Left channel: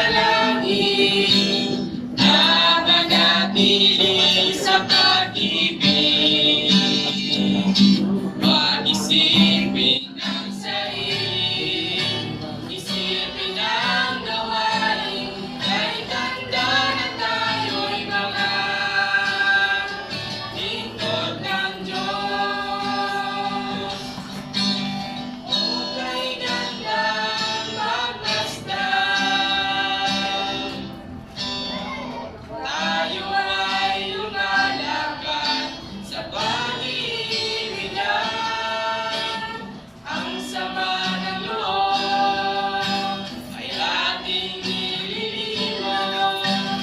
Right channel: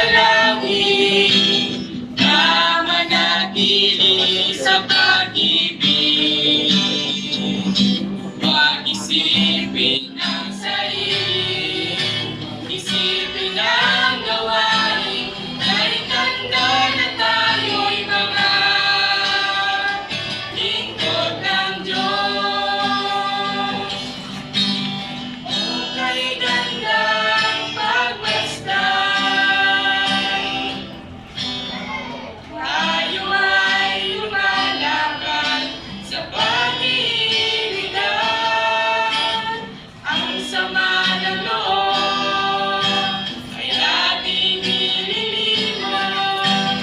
dalangin na manatili sa pag-ibig. Huwag isipin ang sarili, isipin ang gawain, kahit handa na tayo'y mga lingkod ng Diyos. Hukay gandang pagmasdan, tayo ay lumalakad sa pag-iibigan. Ang sama ng loob ay ating nililimot,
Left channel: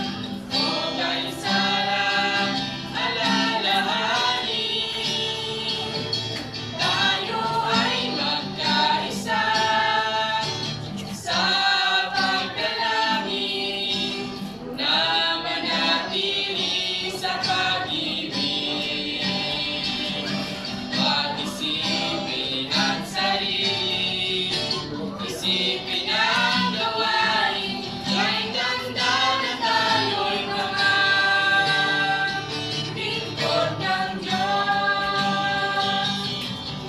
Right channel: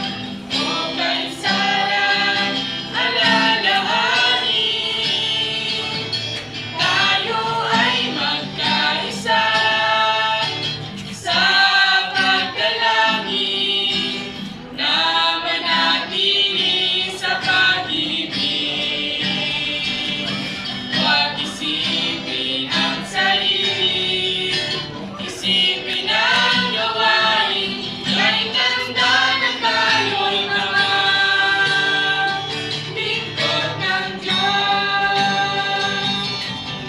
hukay sarap alalahanin. Tayo ay magkaisa sa pagdalangin na manatili sa pag-ibig. Huwag isipin ang sarili, isipin ang gawain, kahit handa na tayo'y mga lingkod ng Diyos.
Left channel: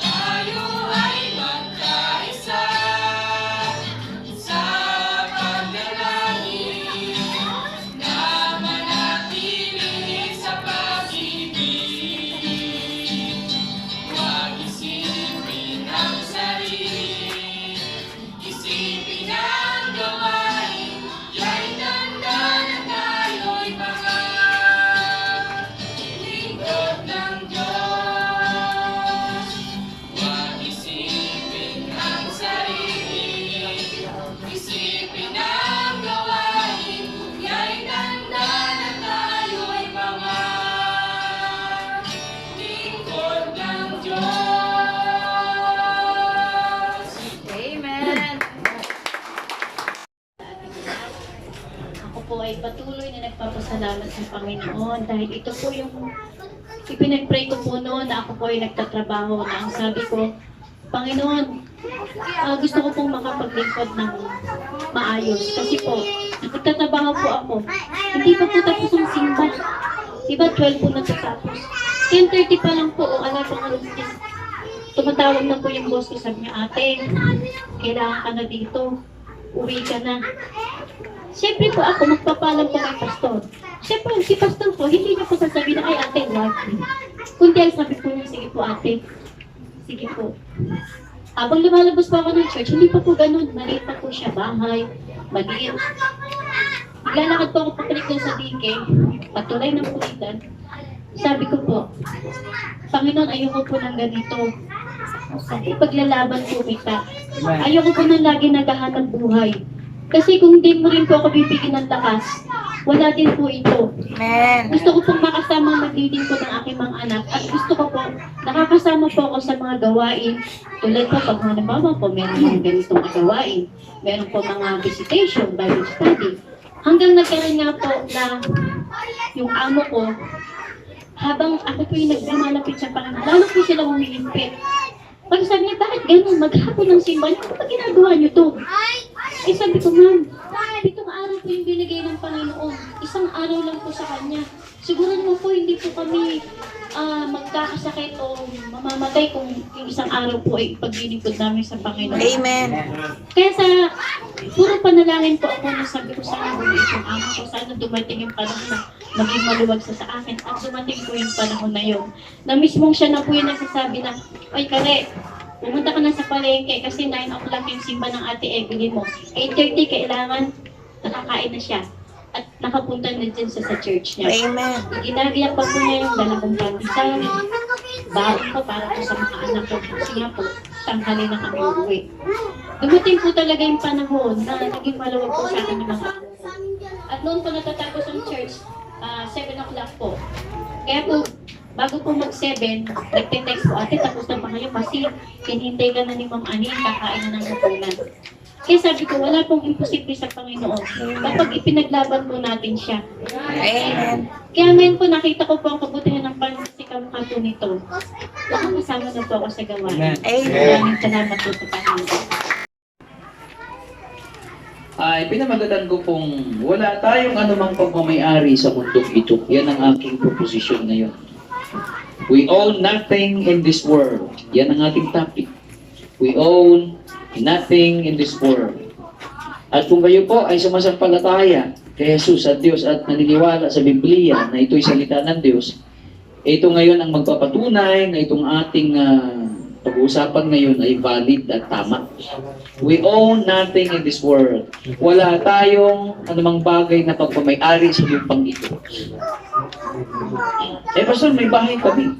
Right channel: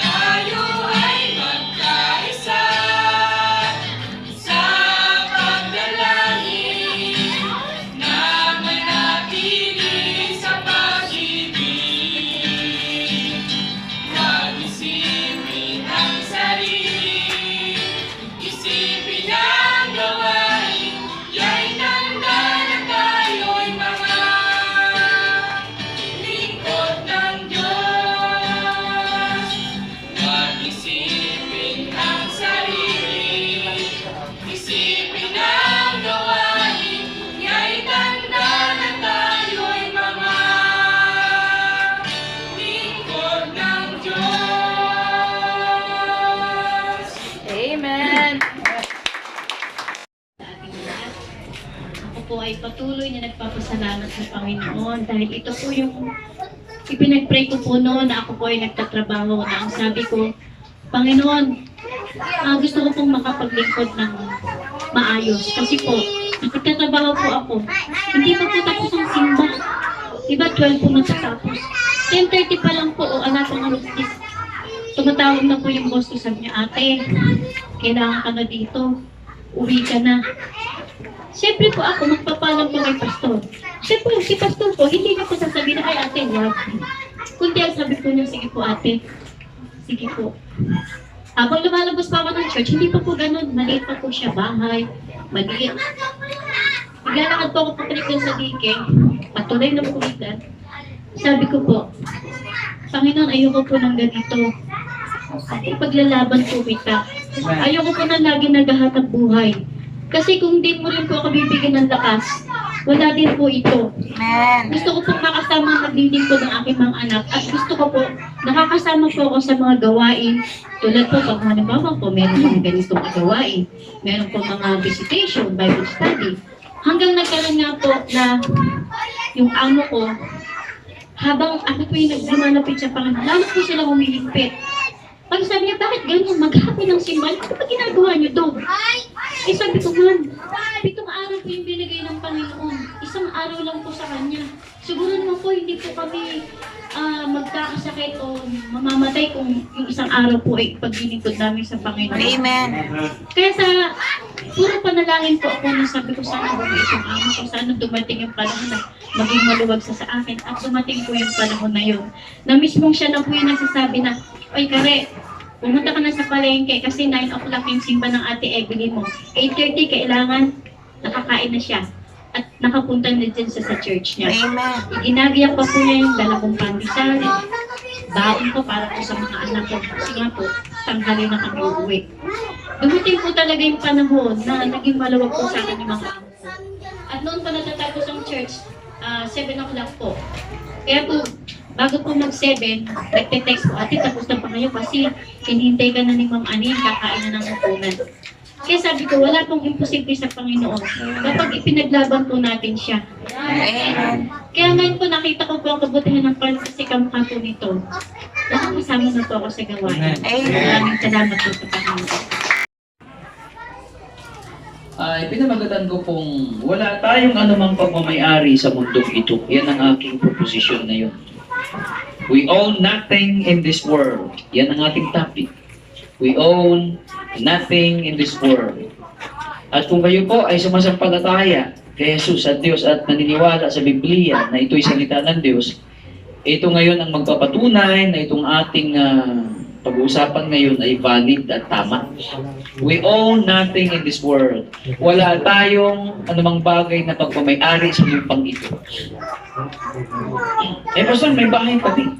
Tayo ay magkaisa sa pagdalangin na manatili sa pag-ibig. Huwag isipin ang sarili, isipin ang gawain, kahit handa na tayo'y mga lingkod ng Diyos. Huwag isipin ang sarili, isipin ang gawain, kahit handa na tayo'y mga lingkod ng Diyos. Amen. Sa ating lahat, ako po ay patuloy na nagpapasalamat sa Panginoon dahil ito po yung ipinag-pray ko po noon na ako po ay nagtatrabaho na ang sabi ko, Panginoon, gusto ko pong makapaglingkod ng maayos kasi po, nagtatrabaho po ako. Hindi pa po tapos ang simba. Diba 12 po natatapos. 10:30 pa lang po o ala pang alas 10. Tumatawag na po yung boss ko, sabi niya, ate, kailangan ka na dito. Uwi ka na. Siyempre po ako, magpapalam po kay pastor. Siyempre, si pastor po, hindi niya po sasabihin na, ay ate, wag. Kundi ang sabi po niya, sige po ate. Sige po. Habang lumalabas pa ako ng church, hindi pa po ganun. Maliit pa po siya, bahay. Maliit. Naglalakad po ako papalik dun sa dike. Patuloy na pulitan. Sabi ko po, Panginoon, ayoko po ng ganito. Paglalaban po kita. Ayoko po na lagi naghahatag buhay. Kasi kung hindi mo rin po ako bibigyan ng lakas, wala din po ito. Amen. Gusto ko pong makasama maglilingkod ng aking mga anak at gusto ko po, nakakasama po ako sa mga gawain. Tulad po, pag halimbawa po, meron mga ganitong gawain. Meron po mga visitation, Bible study. Hanggang nagkaroon nga po na yung amo ko, habang ako po yung naglumalapit sa Panginoon, lalo po sila humilipit. Pag sabi niya, bakit ganyan? Maghapon ng simbahan, ano ba ginagawa niyo to? Eh sabi ko, man, 7 araw po yung binigay ng Panginoon. Isang araw lang po sa Kanya. Siguro naman po, hindi po kami magkakasakit o mamamatay kung yung isang araw po ay paglilingkod namin sa Panginoon. Amen. Kaya sa puro panalangin po ako nung sabi ko sana bumalik yung amo ko, sana dumating yung panahon na maging maluwag sa akin at dumating po yung panahon na yun. Na mismong siya na po yung nagsasabi na, oy Kare, pumunta ka na sa palengke kasi 9 o'clock yung simba ng Ate Evelyn mo. 8:30 kailangan nakakain na siya at nakapunta na din sa church niya. Amen. Ginagayak pa po niya yung dala kong pandesal, baon ko para po sa mga anak ko. Kasi nga po, tanghali na kami uuwi. Dumating po talaga yung panahon na naging maluwag po sa akin yung mga amo ko. At noon po natatapos ang church, 7 o'clock po. Kaya po, bago po mag-7, nagte-text po, ate, tapos na pa kayo kasi hinihintay ka na ni Ma'am Ani, kakain na ng hapunan. Kaya sabi ko, wala pong imposible sa Panginoon kapag ipinaglaban po natin siya. Amen. Kaya ngayon po nakita ko po ang kabutihan ng pagsisikam po nito. Nakakasama na po ako sa gawain. Amen. Maraming salamat po sa Panginoon. ay pinamagatan ko pong wala tayong anumang pagmamayari sa mundong ito. Yan ang aking proposition na yun. We own nothing in this world. Yan ang ating topic. We own nothing in this world. At kung kayo po ay sumasampalataya kay Jesus at Diyos at naniniwala sa Biblia na ito'y salita ng Diyos, ito ngayon ang magpapatunay na itong ating pag-uusapan ngayon ay valid at tama. We own nothing in this world. Wala tayong anumang bagay na pagmamayari sa lupang ito. Pastor, may bahay kami.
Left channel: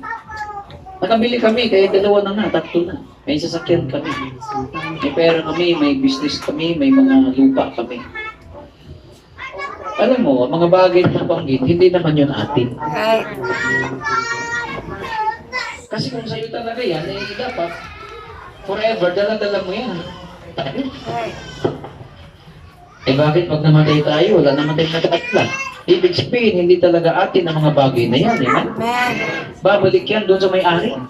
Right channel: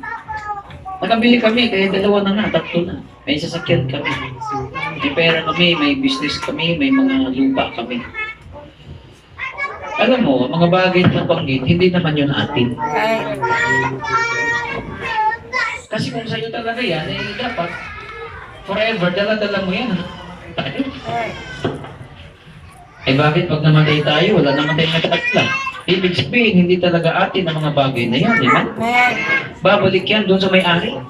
Nakabili kami, kaya dalawa na nga, tatlo na. May sasakyan kami. May pera kami, may business kami, may mga lupa kami. Alam mo, ang mga bagay na nabanggit, hindi naman yun atin. Right. Kasi kung sa'yo talaga yan, eh dapat forever, dala-dala mo yan. Tayo. Right. Eh bakit pag namatay tayo, wala naman tayong nagkakatla? Ibig sabihin, hindi talaga atin ang mga bagay na yan, di ba? Amen. Babalik yan doon sa may-ari.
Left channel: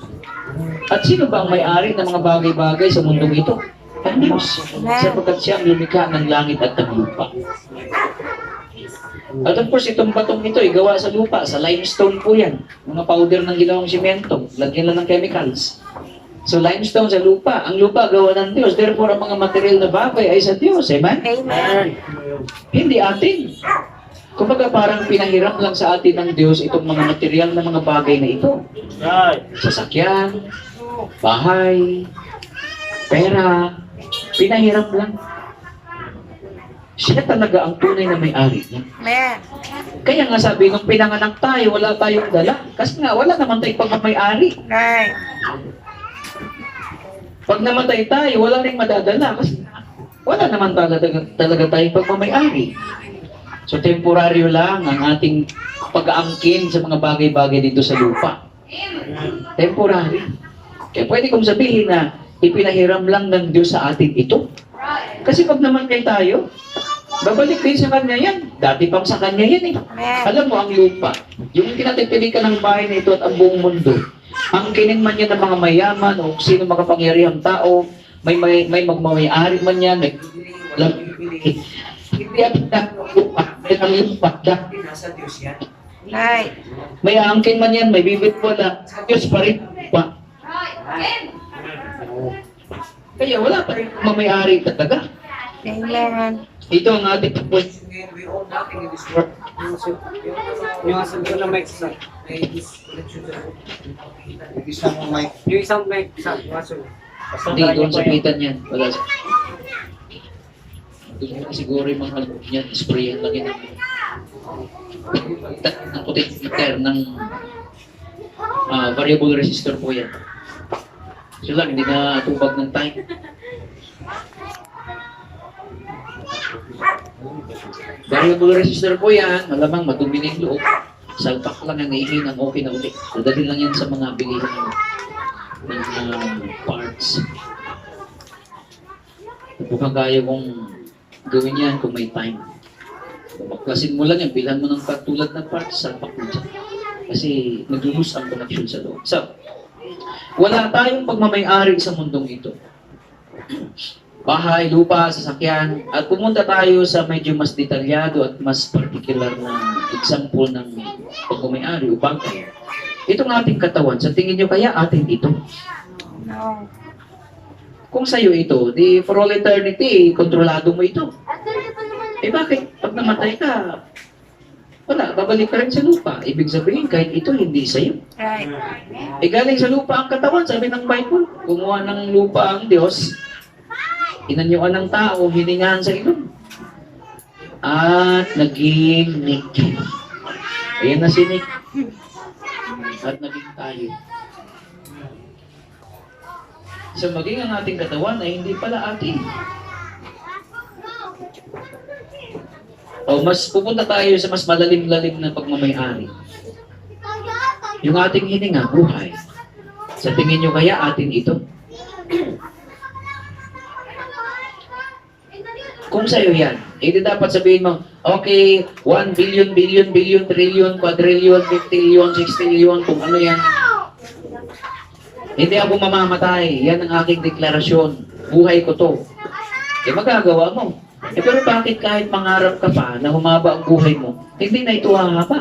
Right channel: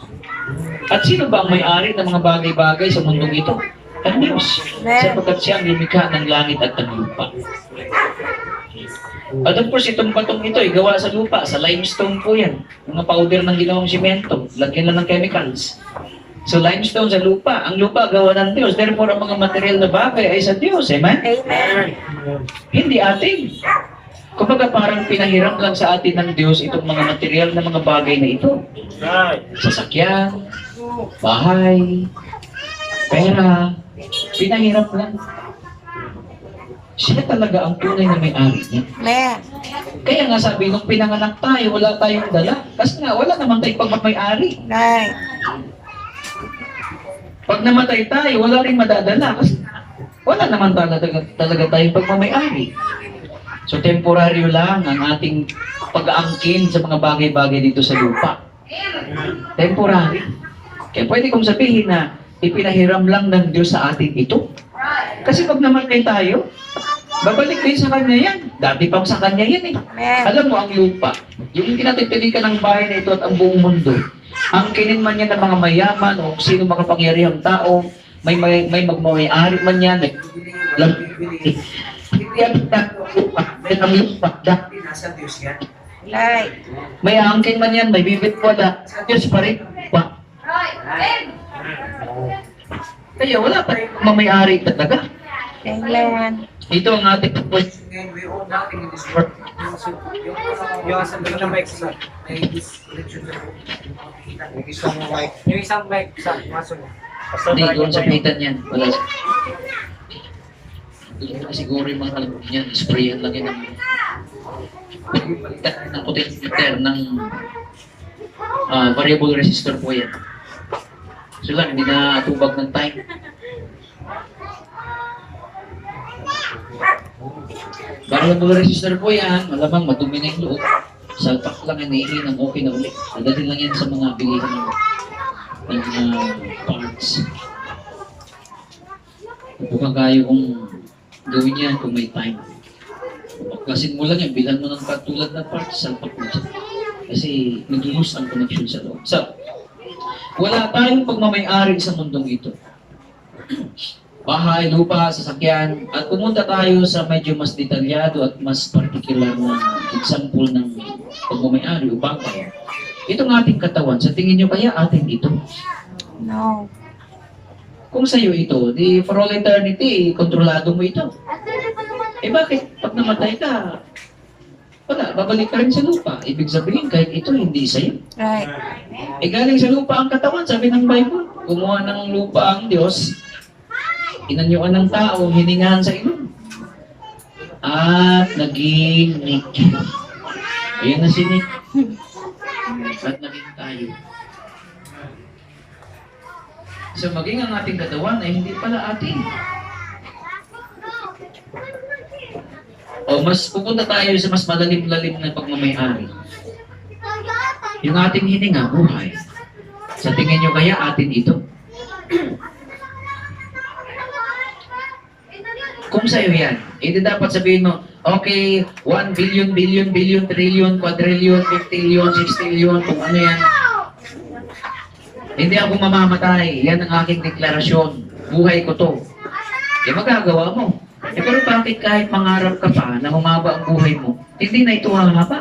At sino ba ang may-ari ng mga bagay-bagay sa mundong ito? Ang Diyos. Amen. Sapagkat siya ang lumikha ng langit at ng lupa. At of course, itong batong ito ay gawa sa lupa, sa limestone po yan. Mga powder ng ginawang simento, lagyan lang ng chemicals. So limestone sa lupa, ang lupa gawa ng Diyos, therefore ang mga material na bagay ay sa Diyos, amen? Amen. Hindi atin. Kumbaga parang pinahiram lang sa atin ng Diyos itong mga material na mga bagay na ito. Sasakyan, bahay, pera, pinahiram lang. Siya talaga ang tunay na may-ari niya. Amen. Kaya nga sabi, nung pinanganak tayo, wala tayong dala. Kasi nga, wala naman tayong pagmamayari. Right. Pag namatay tayo, wala rin madadala. Kasi wala naman talaga tayong pagmamayari. So, temporaryo lang ang ating pag-aangkin sa mga bagay-bagay dito sa lupa. Temporary. Kaya pwede kong sabihin na ipinahiram lang ng Diyos sa atin ito. Kasi pag namatay tayo, babalik din sa Kanya yan. Dati pang sa Kanya yan eh. Amen. Alam mo, ang lupa, yung kinatitilikan ng bahay na ito at ang buong mundo, ang kinin man yan ng mga mayaman o sino makapangyarihang tao, may magmamayari man yan, hindi ang lupa, may ang lupa, dati nasa Diyos yan. Right. May angkin man yan, may bibit wala, sa Diyos pa rin pa. Kaya wala pa rin mamayari talaga. Amen. Ito ang ating question ngayon. We own nothing in this world. Yung asambling na mic sa May disconnection sa yung isang mic sa maso. Hindi, doon sa pitan yan. Wala sa... Doon na siguro yung mga alam niyan, sprayan lang yun ang... Pagpalitan ng potentiometer ng variable resistor po yan. So lang, hindi na tubag ng time. Variable resistor po yan, malamang madumi na yung loob. Salpak lang ang ihin ang okay na ulit. Dadalhin lang yan sa mga bilihan ng parts. Mukhang kaya kong gawin yan kung may time. Baklasin mo lang yan, bilhan mo ng katulad ng parts, salpak mo dyan. Kasi nag-lose ang connection sa loob. So, wala tayong pagmamayari sa mundong ito. Bahay, lupa, sasakyan, at pumunta tayo sa medyo mas detalyado at mas particular na example ng pagmamayari o bagay. Itong ating katawan, sa tingin nyo kaya atin ito? No. Kung sa'yo ito, di for all eternity, kontrolado mo ito. Eh bakit? Pag namatay ka, wala, babalik ka rin sa lupa. Ibig sabihin, kahit ito, hindi sa'yo. Right. Eh galing sa lupa ang katawan, sabi ng Bible. Gumawa ng lupa ang Diyos, inanyuan ng tao, hiningahan sa ilong. At naging Nick. Ayan na si Nick. At naging tayo. So maging ang ating katawan ay hindi pala atin. O mas pupunta tayo sa mas malalim-lalim na pagmamayari. Yung ating hininga, buhay. Sa tingin nyo kaya atin ito? Kung sa'yo yan, hindi dapat sabihin mo, okay, 1 billion, billion, billion, trillion, quadrillion, 50 60 kung ano yan. Hindi ako mamamatay. Yan ang aking deklarasyon. Buhay ko to. Eh magagawa mo. pero bakit kahit mangarap ka pa na humaba ang buhay mo, hindi na ito hahaba?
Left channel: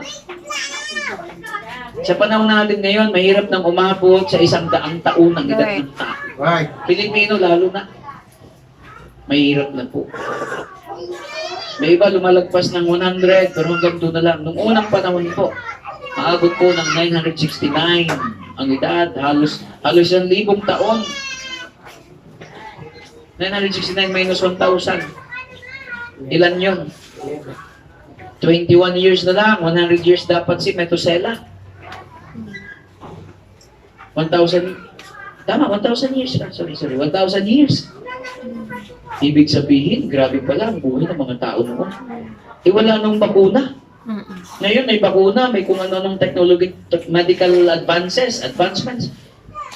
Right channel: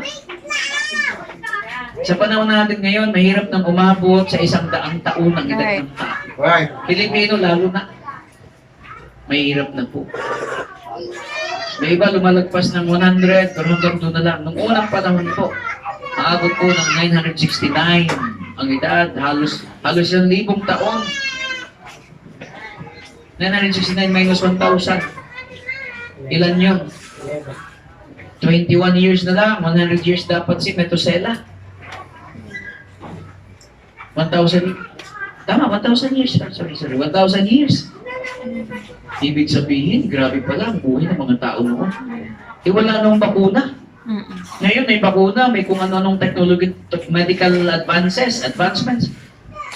Sa panahon natin ngayon, mahirap nang umabot sa 100 taon ang edad ng tao. Right. Pilipino lalo na. Mahirap na po. May iba lumalagpas ng 100, pero hanggang doon na lang. Nung unang panahon po, maabot po ng 969 ang edad. Halos 1,000 taon. 969 minus 1,000. Ilan yun? 21 years na lang. 100 years dapat si Methuselah. 1,000. Tama, 1,000 years. Sorry. 1,000 years. Ibig sabihin, grabe pala ang buhay ng mga tao noon. Wala nung bakuna. Ngayon may bakuna, may kung ano-anong technology, medical advancements.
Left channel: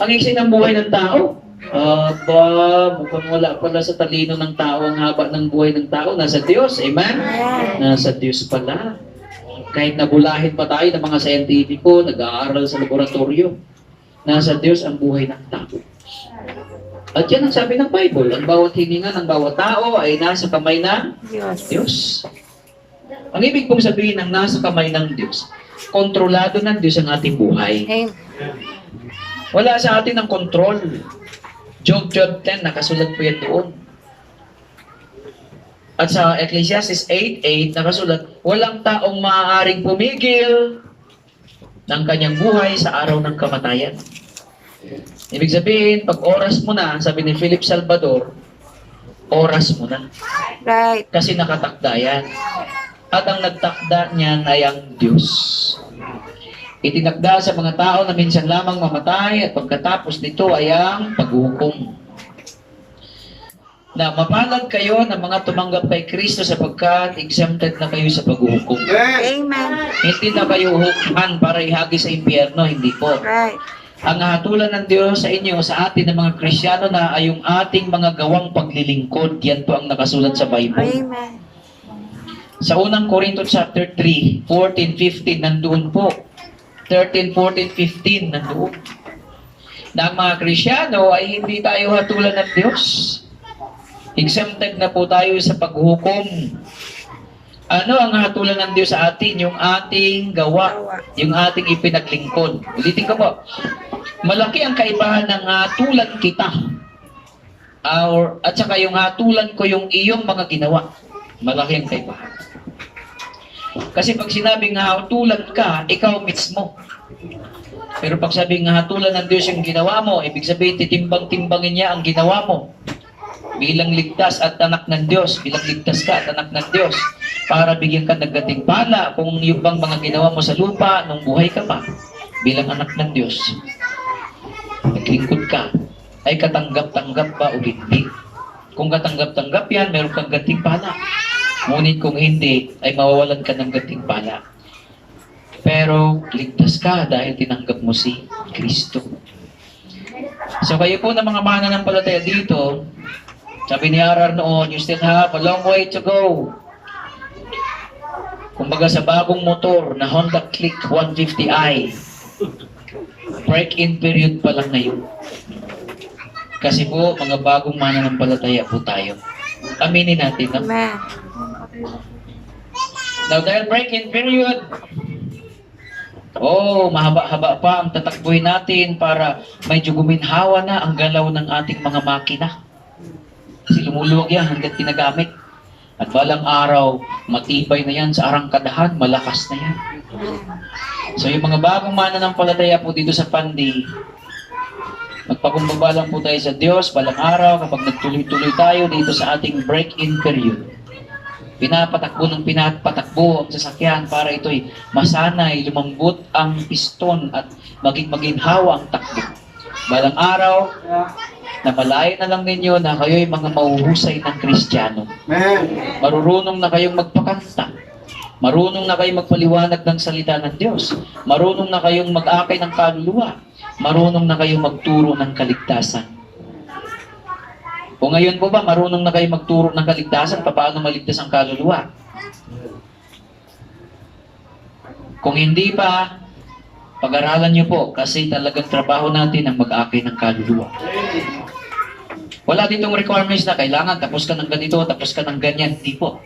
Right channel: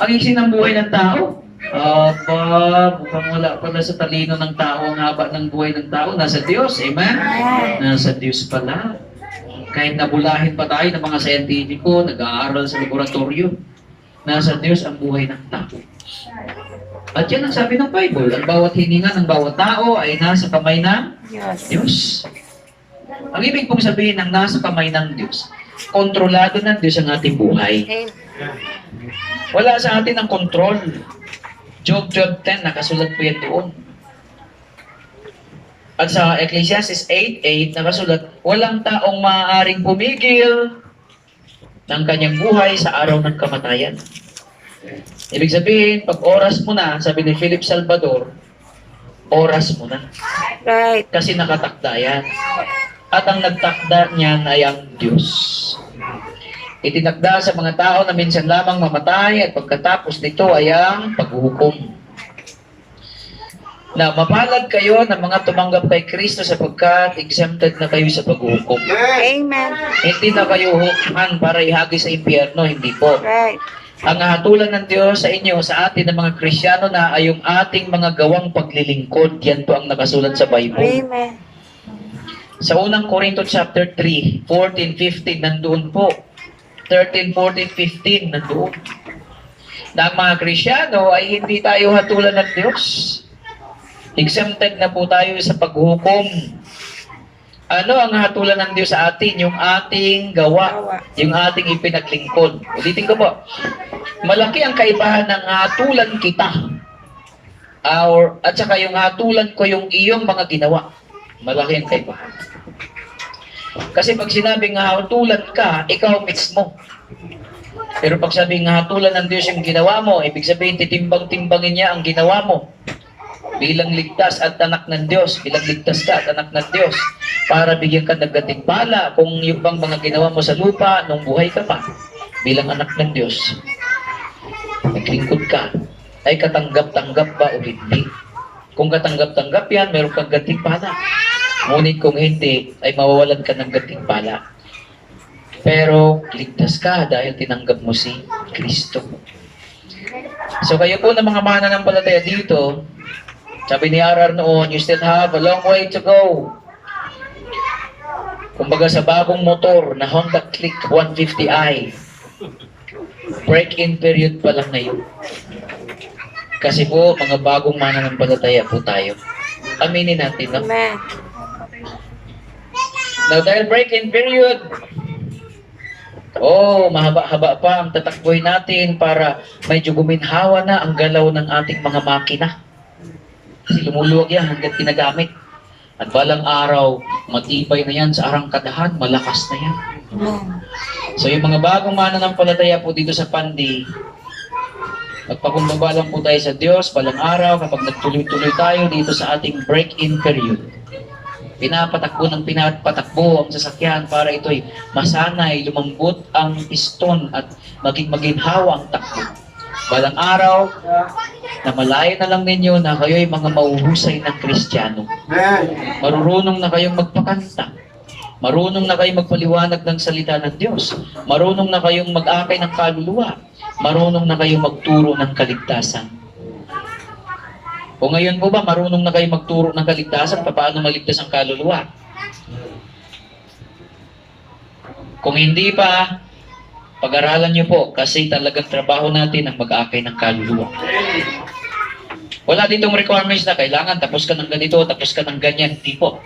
Ang iksi ng buhay ng tao. Mukhang wala pala sa talino ng tao ang haba ng buhay ng tao. Nasa Diyos, amen? Nasa Diyos pala. Kahit nabulahin pa tayo ng mga scientifico, nag-aaral sa laboratorio, nasa Diyos ang buhay ng tao. At yan ang sabi ng Bible, ang bawat hininga ng bawat tao ay nasa kamay ng Diyos. Ang ibig pong sabihin ng nasa kamay ng Diyos, kontrolado ng Diyos ang ating buhay. Wala sa atin ang kontrol. Job 10, nakasulat po yan doon. At sa Ecclesiastes 8:8, nakasulat, walang taong maaaring pumigil ng kanyang buhay sa araw ng kamatayan. Ibig sabihin, pag oras mo na, sabi ni Philip Salvador, oras mo na. Right. Kasi nakatakda yan. At ang nagtakda niyan ay ang Diyos. Itinakda sa mga tao na minsan lamang mamatay at pagkatapos nito ay ang paghuhukom. Na mapalad kayo ng mga tumanggap kay Kristo sapagkat exempted na kayo sa paghuhukom. Amen. Hindi na kayo hukuman para ihagi sa impyerno, hindi po. Right. Ang hatulan ng Diyos sa inyo, sa atin ng mga Kristiyano na ay yung ating mga gawang paglilingkod. Yan po ang nakasulat sa Bible. Amen. Sa unang Corinto chapter 3, 14, 15, nandoon po. 13, 14, 15, nandoon. Na ang mga Kristiyano ay hindi tayo hatulan ng Diyos. Exempted na po tayo sa paghukom. Ano ang hatulan ng Diyos sa atin? Yung ating gawa. Yung ating ipinaglingkod. Ulitin ko po. Malaki ang kaibahan ng hatulan kita. At saka yung hatulan ko yung iyong mga ginawa. Malaki ang kaibahan. Kasi pag sinabing hatulan ka, ikaw mismo. Pero pag sabing hatulan ng Diyos yung ginawa mo, ibig sabihin titimbang-timbangin niya ang ginawa mo. Bilang ligtas at anak ng Diyos, bilang ligtas ka at anak ng Diyos, para bigyan ka ng gantimpala kung yung bang mga ginawa mo sa lupa nung buhay ka pa, bilang anak ng Diyos. Naglingkod ka, ay katanggap-tanggap ba o hindi? Kung katanggap-tanggap yan, meron kang gantimpala. Ngunit kung hindi, ay mawawalan ka ng gantimpala. Pero ligtas ka dahil tinanggap mo si Kristo. So kayo po na mga mananampalataya dito, sabi ni RR noon, you still have a long way to go. Kumbaga sa bagong motor na Honda Click 150i, break-in period pa lang ngayon. Kasi po, mga bagong mananampalataya po tayo. Aminin natin, no? Amen. Now, dahil break-in period, mahaba-haba pa ang tatakboy natin para medyo guminhawa na ang galaw ng ating mga makina. Kasi lumuluwag yan hanggang tinagamit. At balang araw, matibay na yan sa arangkadahan, malakas na yan. So yung mga bagong mananampalataya po dito sa Pandi, magpakumbaba lang po tayo sa Diyos, balang araw, kapag nagtuloy-tuloy tayo dito sa ating break-in period. Pinapatakbo ng pinapatakbo ang sasakyan para ito'y masanay, lumambot ang piston at maging maginhawa ang takbo. Balang araw, na malayo na lang ninyo na kayo'y mga mauhusay ng Kristiyano. Marunong na kayong magpakanta. Marunong na kayong magpaliwanag ng salita ng Diyos. Marunong na kayong mag-akay ng kaluluwa. Marunong na kayong magturo ng kaligtasan. Kung ngayon po ba, marunong na kayong magturo ng kaligtasan, paano maligtas ang kaluluwa? Kung hindi pa, pag-aralan nyo po kasi talagang trabaho natin ang mag-akay ng kaluluwa. Wala ditong requirements na kailangan tapos ka ng ganito, tapos ka ng ganyan. Hindi po.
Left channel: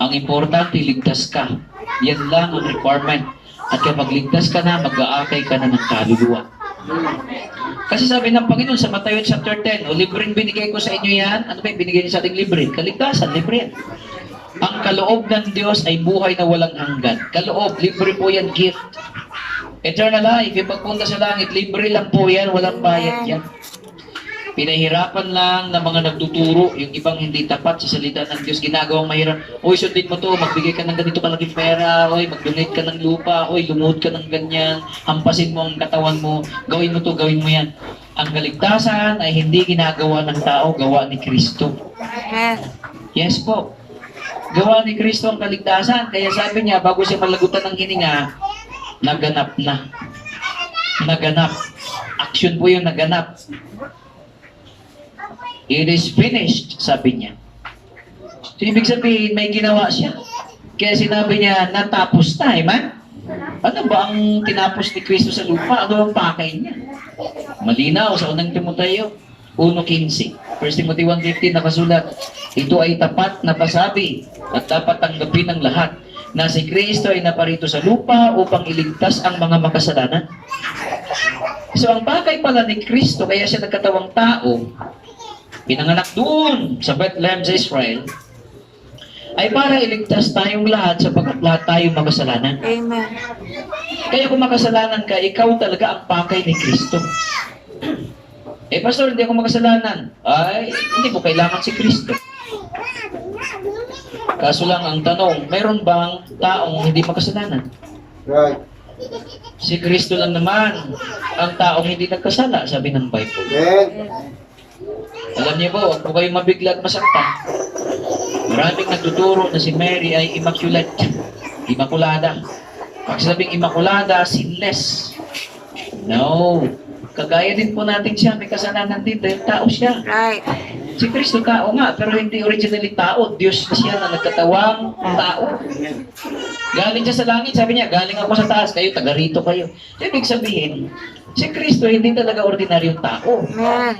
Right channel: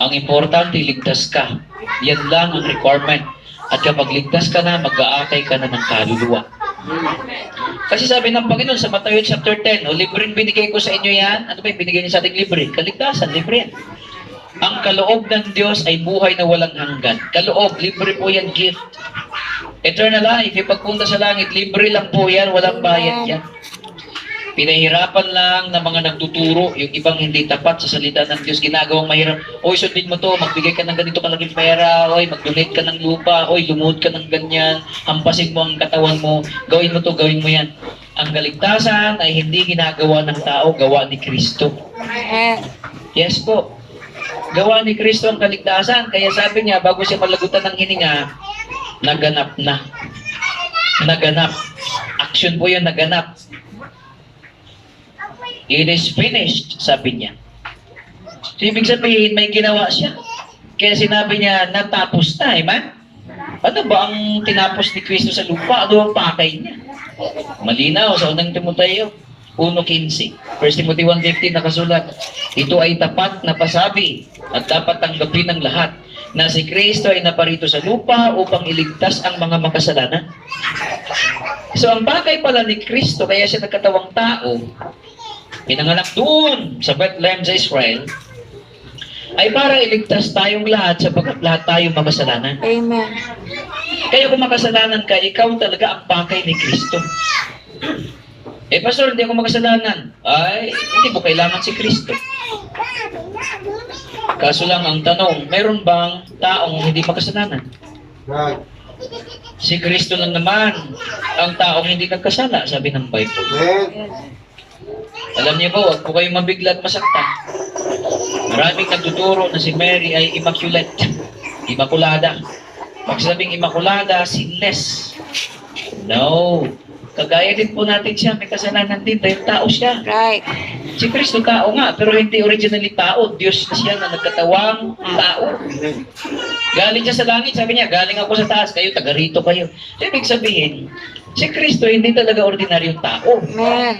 Ang importante, ligtas ka. Yan lang ang requirement. At kapag ligtas ka na, mag-aakay ka na ng kaluluwa. Kasi sabi ng Panginoon sa Matthew chapter 10, o libreng binigay ko sa inyo yan. Ano ba yung binigay niya sa ating libre? Kaligtasan, libre yan. Ang kaloob ng Diyos ay buhay na walang hanggan. Kaloob, libre po yan, gift. Eternal life, ipagpunta sa langit, libre lang po yan, walang bayad yan. Pinahirapan lang ng mga nagtuturo, yung ibang hindi tapat sa salita ng Diyos, ginagawang mahirap. Oy, sundin mo to, magbigay ka ng ganito kalaking pera, oy, mag-donate ka ng lupa, oy, lumuhod ka ng ganyan, hampasin mo ang katawan mo, gawin mo to, gawin mo yan. Ang kaligtasan ay hindi ginagawa ng tao, gawa ni Kristo. Yes po. Gawa ni Kristo ang kaligtasan. Kaya sabi niya, bago siya malagutan ng hininga, naganap na. Naganap. Action po yun, naganap. It is finished, sabi niya. So, ibig sabihin, may ginawa siya. Kaya sinabi niya, natapos na, man. Ano ba ang tinapos ni Kristo sa lupa? Ano ang pakay niya? Malinaw sa unang Timoteo 1:15. 1 Timothy 1:15 nakasulat, ito ay tapat na pasabi at dapat tanggapin ng lahat na si Kristo ay naparito sa lupa upang iligtas ang mga makasalanan. So, ang bagay pala ni Kristo, kaya siya nagkatawang tao, pinanganak doon sa Bethlehem sa Israel, ay para iligtas tayong lahat sapagkat lahat tayo makasalanan. Amen. Kaya kung makasalanan ka, ikaw talaga ang pakay ni Kristo. Pastor, hindi ako makasalanan. Ay, hindi mo kailangan si Kristo. Kaso lang ang tanong, meron bang taong hindi makasalanan? Right. Si Kristo lang naman ang taong hindi nagkasala, sabi ng Bible. Alam niyo ba, huwag po kayong mabigla at masaktan. Maraming nagtuturo na si Mary ay immaculate, immaculada. Pag sabing immaculada, sinless. No. Kagaya din po natin siya, may kasalanan din dahil tao siya. Right. Si Kristo tao nga, pero hindi originally tao. Diyos na siya na nagkatawang tao. Galing siya sa langit, sabi niya, galing ako sa taas, kayo, taga rito kayo. Ibig sabihin, si Kristo hindi talaga ordinaryong tao. Amen.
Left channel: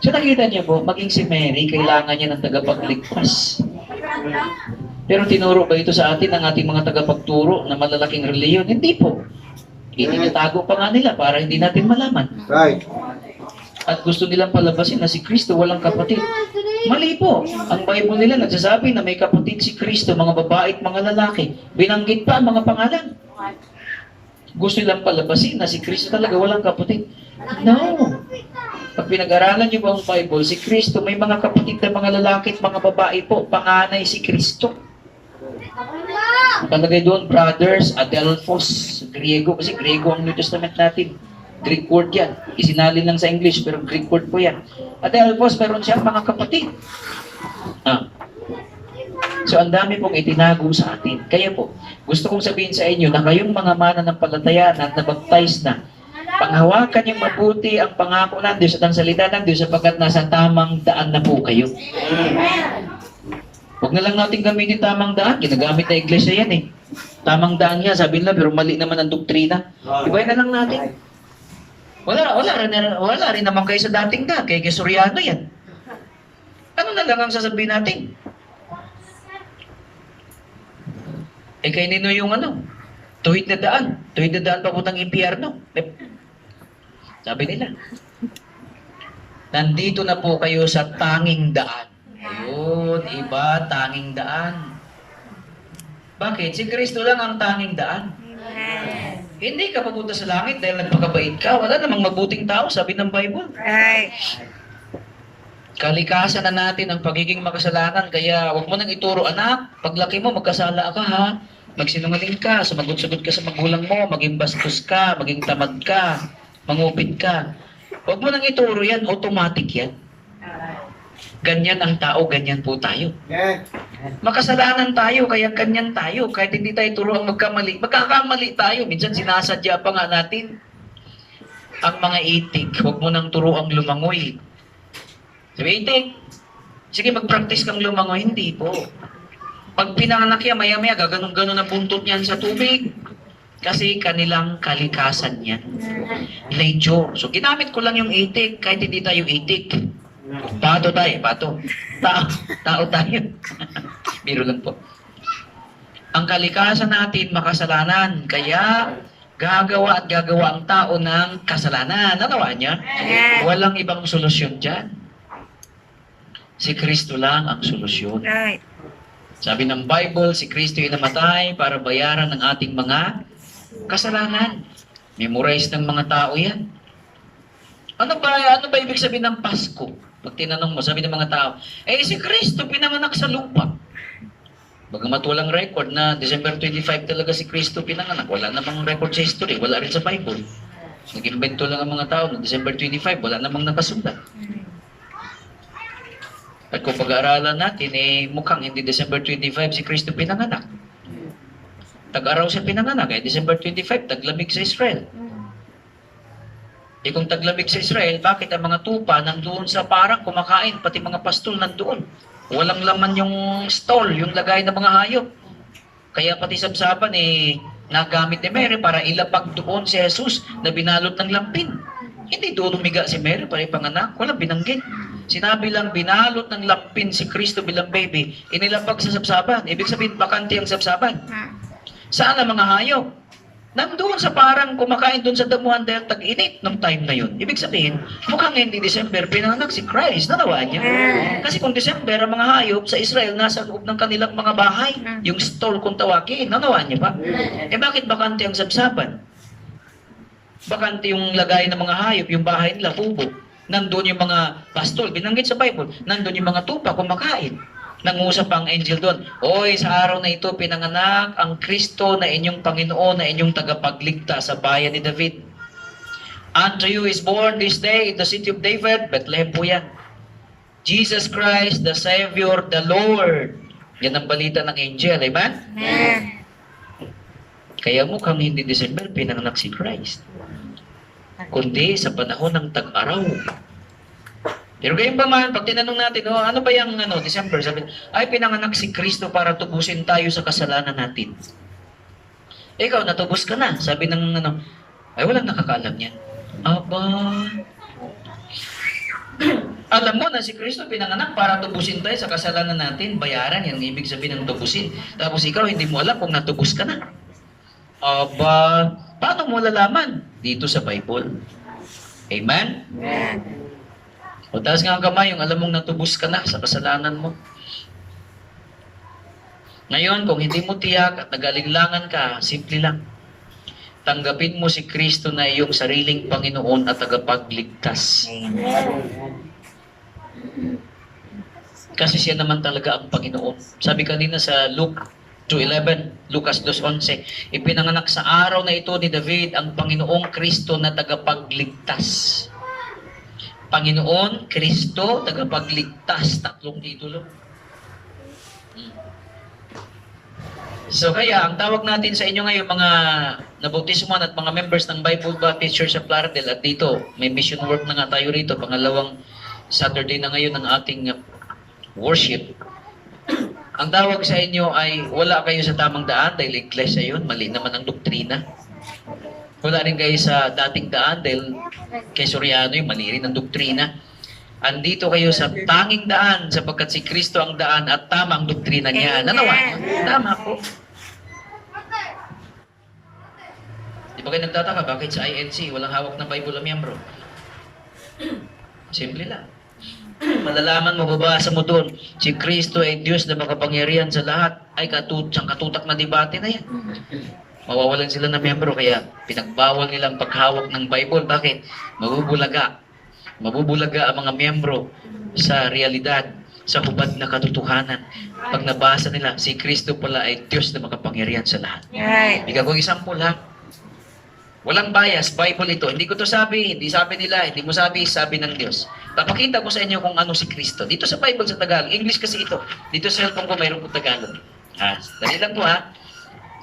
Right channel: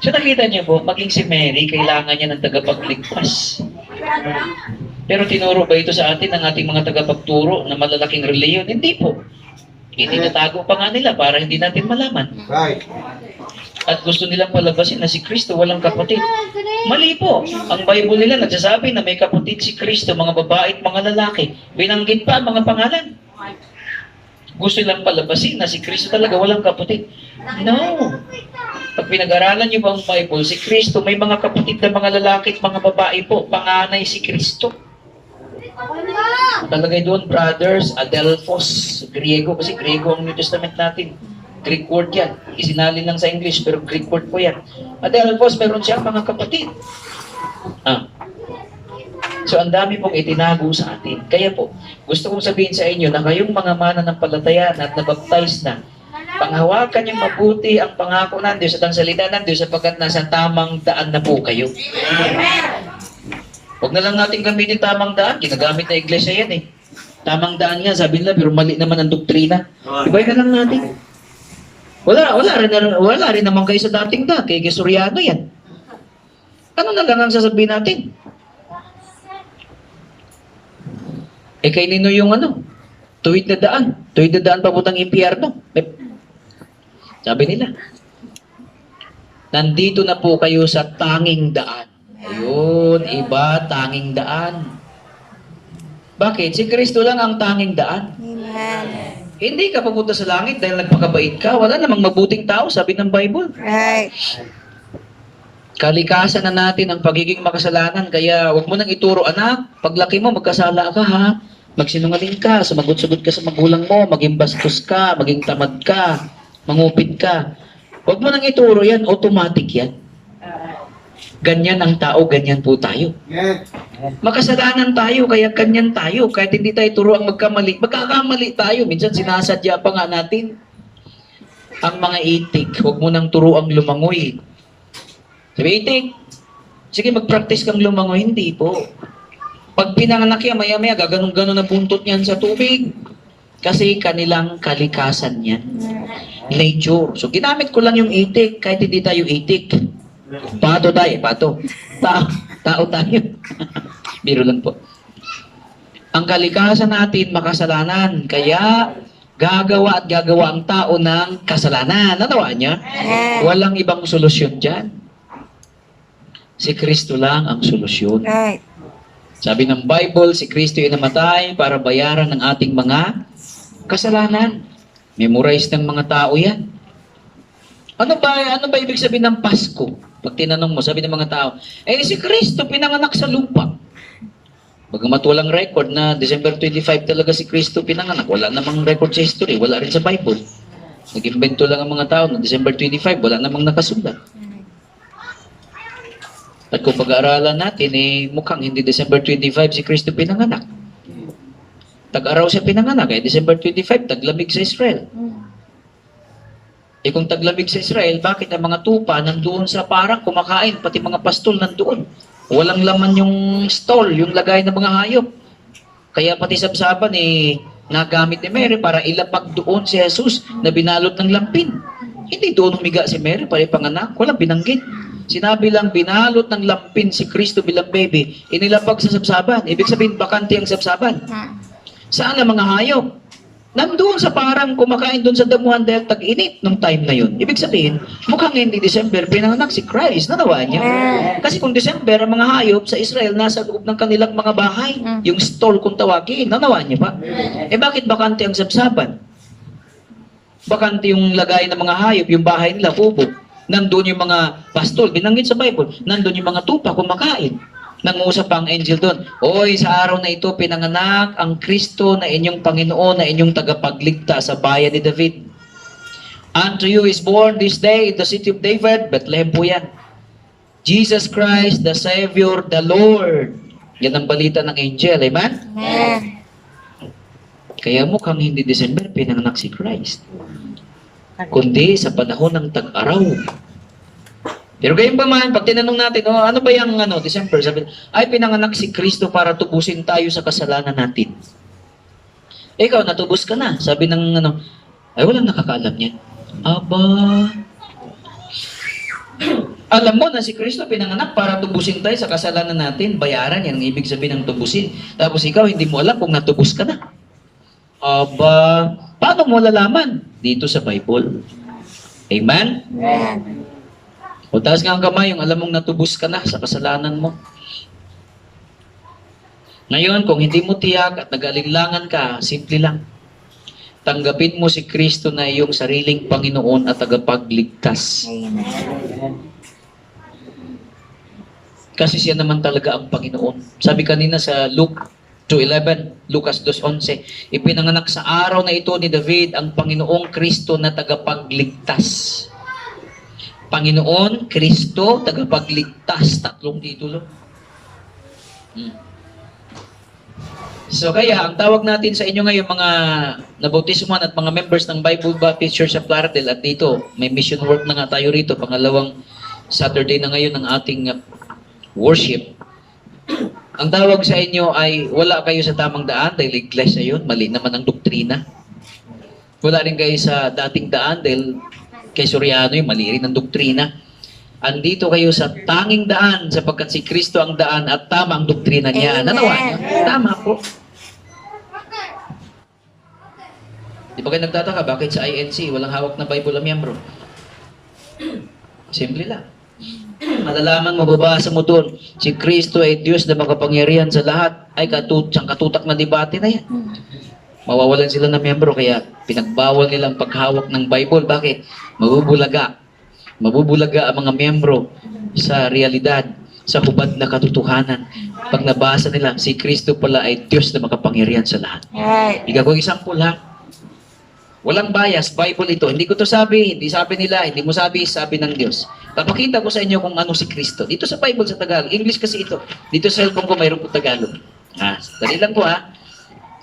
So nakita niyo po, maging si Mary, kailangan niya ng tagapagligtas. Pero tinuro ba ito sa atin ng ating mga tagapagturo na malalaking reliyon? Hindi po. Itinatago pa nga nila para hindi natin malaman. Right. At gusto nilang palabasin na si Kristo walang kapatid. Mali po. Ang Bible nila nagsasabi na may kapatid si Kristo, mga babae at mga lalaki. Binanggit pa ang mga pangalan. Gusto nilang palabasin na si Kristo talaga walang kapatid. No. Pag pinag-aralan niyo ba ang Bible, si Kristo may mga kapatid na mga lalaki at mga babae po. Panganay si Kristo. Nakalagay doon, brothers, Adelphos, Griego, kasi Griego ang New Testament natin. Greek word yan. Isinalin lang sa English, pero Greek word po yan. Adelphos, meron siyang mga kapatid. So, ang dami pong itinago sa atin. Kaya po, gusto kong sabihin sa inyo na kayong mga mananampalataya at nabaptize na, panghawakan niyong mabuti ang pangako ng Diyos at ang salita ng Diyos sapagkat nasa tamang daan na po kayo. Huwag na lang natin gamitin tamang daan. Ginagamit na iglesia yan eh. Tamang daan nga, sabi nila, pero mali naman ang doktrina. Ibay na lang natin. Wala rin naman kayo sa dating daan. Kay Gesuriano yan. Ano na lang ang sasabihin natin? Kay Nino yung tuwid na daan. Tuwid na daan papuntang impyerno. Sabi nila, nandito na po kayo sa tanging daan. Ayun, iba, tanging daan. Bakit? Si Kristo lang ang tanging daan. Amen. Hindi ka pupunta sa langit dahil nagpakabait ka. Wala namang mabuting tao, sabi ng Bible. Right. Kalikasan na natin ang pagiging makasalanan. Kaya huwag mo nang ituro, anak, paglaki mo, magkasala ka ha. Magsinungaling ka, sumagot-sagot ka sa magulang mo, maging bastos ka, maging tamad ka, mangupit ka. Huwag mo nang ituro yan, automatic yan. Ganyan ang tao, ganyan po tayo. Makasalanan tayo, kaya ganyan tayo. Kahit hindi tayo turo ang magkamali, magkakamali tayo. Minsan sinasadya pa nga natin ang mga itik. Huwag mo nang turo ang lumangoy. Sabi, itik, sige mag-practice kang lumangoy. Hindi po. Pag pinanganak yan, maya-maya, gaganong-ganon ang buntot niyan sa tubig. Kasi kanilang kalikasan yan. Nature. So, ginamit ko lang yung itik, kahit hindi tayo itik. Pato tayo, pato. Tao tayo. Biro lang po. Ang kalikasan natin makasalanan. Kaya, gagawa at gagawa ang tao ng kasalanan. Natawaan niya? Walang ibang solusyon dyan. Si Kristo lang ang solusyon. Right. Sabi ng Bible, si Kristo ay namatay para bayaran ng ating mga kasalanan. Memorize ng mga tao yan. Ano ba ibig sabihin ng Pasko? Pag tinanong mo, sabi ng mga tao, si Kristo pinanganak sa lupa. Bagamat walang record na December 25 talaga si Kristo pinanganak. Wala namang record sa history. Wala rin sa Bible. Nag-invento lang ang mga tao na December 25. Wala namang nakasulat. At kung pag-aaralan natin, mukhang hindi December 25 si Kristo pinanganak. Tag-araw siya pinanganak. December 25, taglamig sa Israel. Kung taglamig sa Israel, bakit ang mga tupa nandoon sa parak kumakain, pati mga pastol nandoon? Walang laman yung stall, yung lagay ng mga hayop. Kaya pati sabsaban nagamit ni Mary para ilapag doon si Jesus na binalot ng lampin. Hindi doon humiga si Mary para ipanganak, walang binanggit. Sinabi lang binalot ng lampin si Kristo bilang baby, inilapag sa sabsaban. Ibig sabihin bakante ang sabsaban. Saan ang mga hayop? Nandoon sa parang kumakain doon sa damuhan dahil tag-init ng time na yun. Ibig sabihin, mukhang hindi December, pinanganak si Christ. Nanawaan niya. Kasi kung December, ang mga hayop sa Israel nasa loob ng kanilang mga bahay. Yung stall kung tawagin. Nanawaan niya pa. Bakit bakante ang sabsaban? Bakante yung lagay ng mga hayop, yung bahay nila, kubo. Nandoon yung mga pastol, binanggit sa Bible. Nandoon yung mga tupa kumakain. Nangusap ang angel doon, oy, sa araw na ito pinanganak ang Kristo na inyong Panginoon, na inyong tagapagligtas sa bayan ni David. Unto you is born this day in the city of David, Bethlehem po yan. Jesus Christ, the Savior, the Lord. Yan ang balita ng angel, amen? Kaya mukhang hindi December pinanganak si Christ, kundi sa panahon ng tag-araw. Pero gayon pa man, pag tinanong natin, ano ba yung December? Sabi, pinanganak si Kristo para tubusin tayo sa kasalanan natin. Ikaw, natubos ka na. Sabi ng walang nakakaalam yan. Aba, alam mo na si Kristo pinanganak para tubusin tayo sa kasalanan natin. Bayaran yan, ibig sabihin ng tubusin. Tapos ikaw, hindi mo alam kung natubos ka na. Aba, paano mo lalaman? Dito sa Bible. Amen? O taas nga ang kamay, yung alam mong natubos ka na sa kasalanan mo. Ngayon, kung hindi mo tiyak at nag-alinlangan ka, simple lang. Tanggapin mo si Kristo na iyong sariling Panginoon at tagapagligtas. Kasi siya naman talaga ang Panginoon. Sabi kanina sa Luke 2:11, Lucas 2:11, ipinanganak sa araw na ito ni David ang Panginoong Kristo na tagapagligtas. Panginoon, Kristo, tagapagligtas. Tatlong titulo. So kaya, ang tawag natin sa inyo ngayon, mga nabautismuhan at mga members ng Bible Baptist Church of Plaridel, at dito, may mission work na nga tayo rito, pangalawang Saturday na ngayon ng ating worship. Ang tawag sa inyo ay wala kayo sa tamang daan dahil iglesia yun, mali naman ang doktrina. Wala rin kayo sa dating daan dahil kay Soriano yung mali rin ang doktrina. Andito kayo sa tanging daan sapagkat si Kristo ang daan at tama ang doktrina niya. Nanawa niya? Tama po. Di ba kayo nagtataka bakit sa INC walang hawak na Bible ang miyembro? Simple lang. Malalaman mo, babasa mo doon, si Kristo ay Diyos na makapangyarihan sa lahat. Ay katutak na debate na yan. Mawawalan sila ng miyembro, kaya pinagbawal nilang paghawak ng Bible. Bakit? Mabubulaga. Mabubulaga ang mga miyembro sa realidad, sa hubad na katotohanan. Pag nabasa nila, si Kristo pala ay Diyos na makapangyarihan sa lahat. Right. Bigyan ko example ha. Walang bias, Bible ito. Hindi ko to sabi, hindi sabi nila, hindi mo sabi, sabi ng Diyos. Papakita ko sa inyo kung ano si Kristo. Dito sa Bible sa Tagalog, English kasi ito. Dito sa cellphone ko mayroon po Tagalog. Dali lang po ha.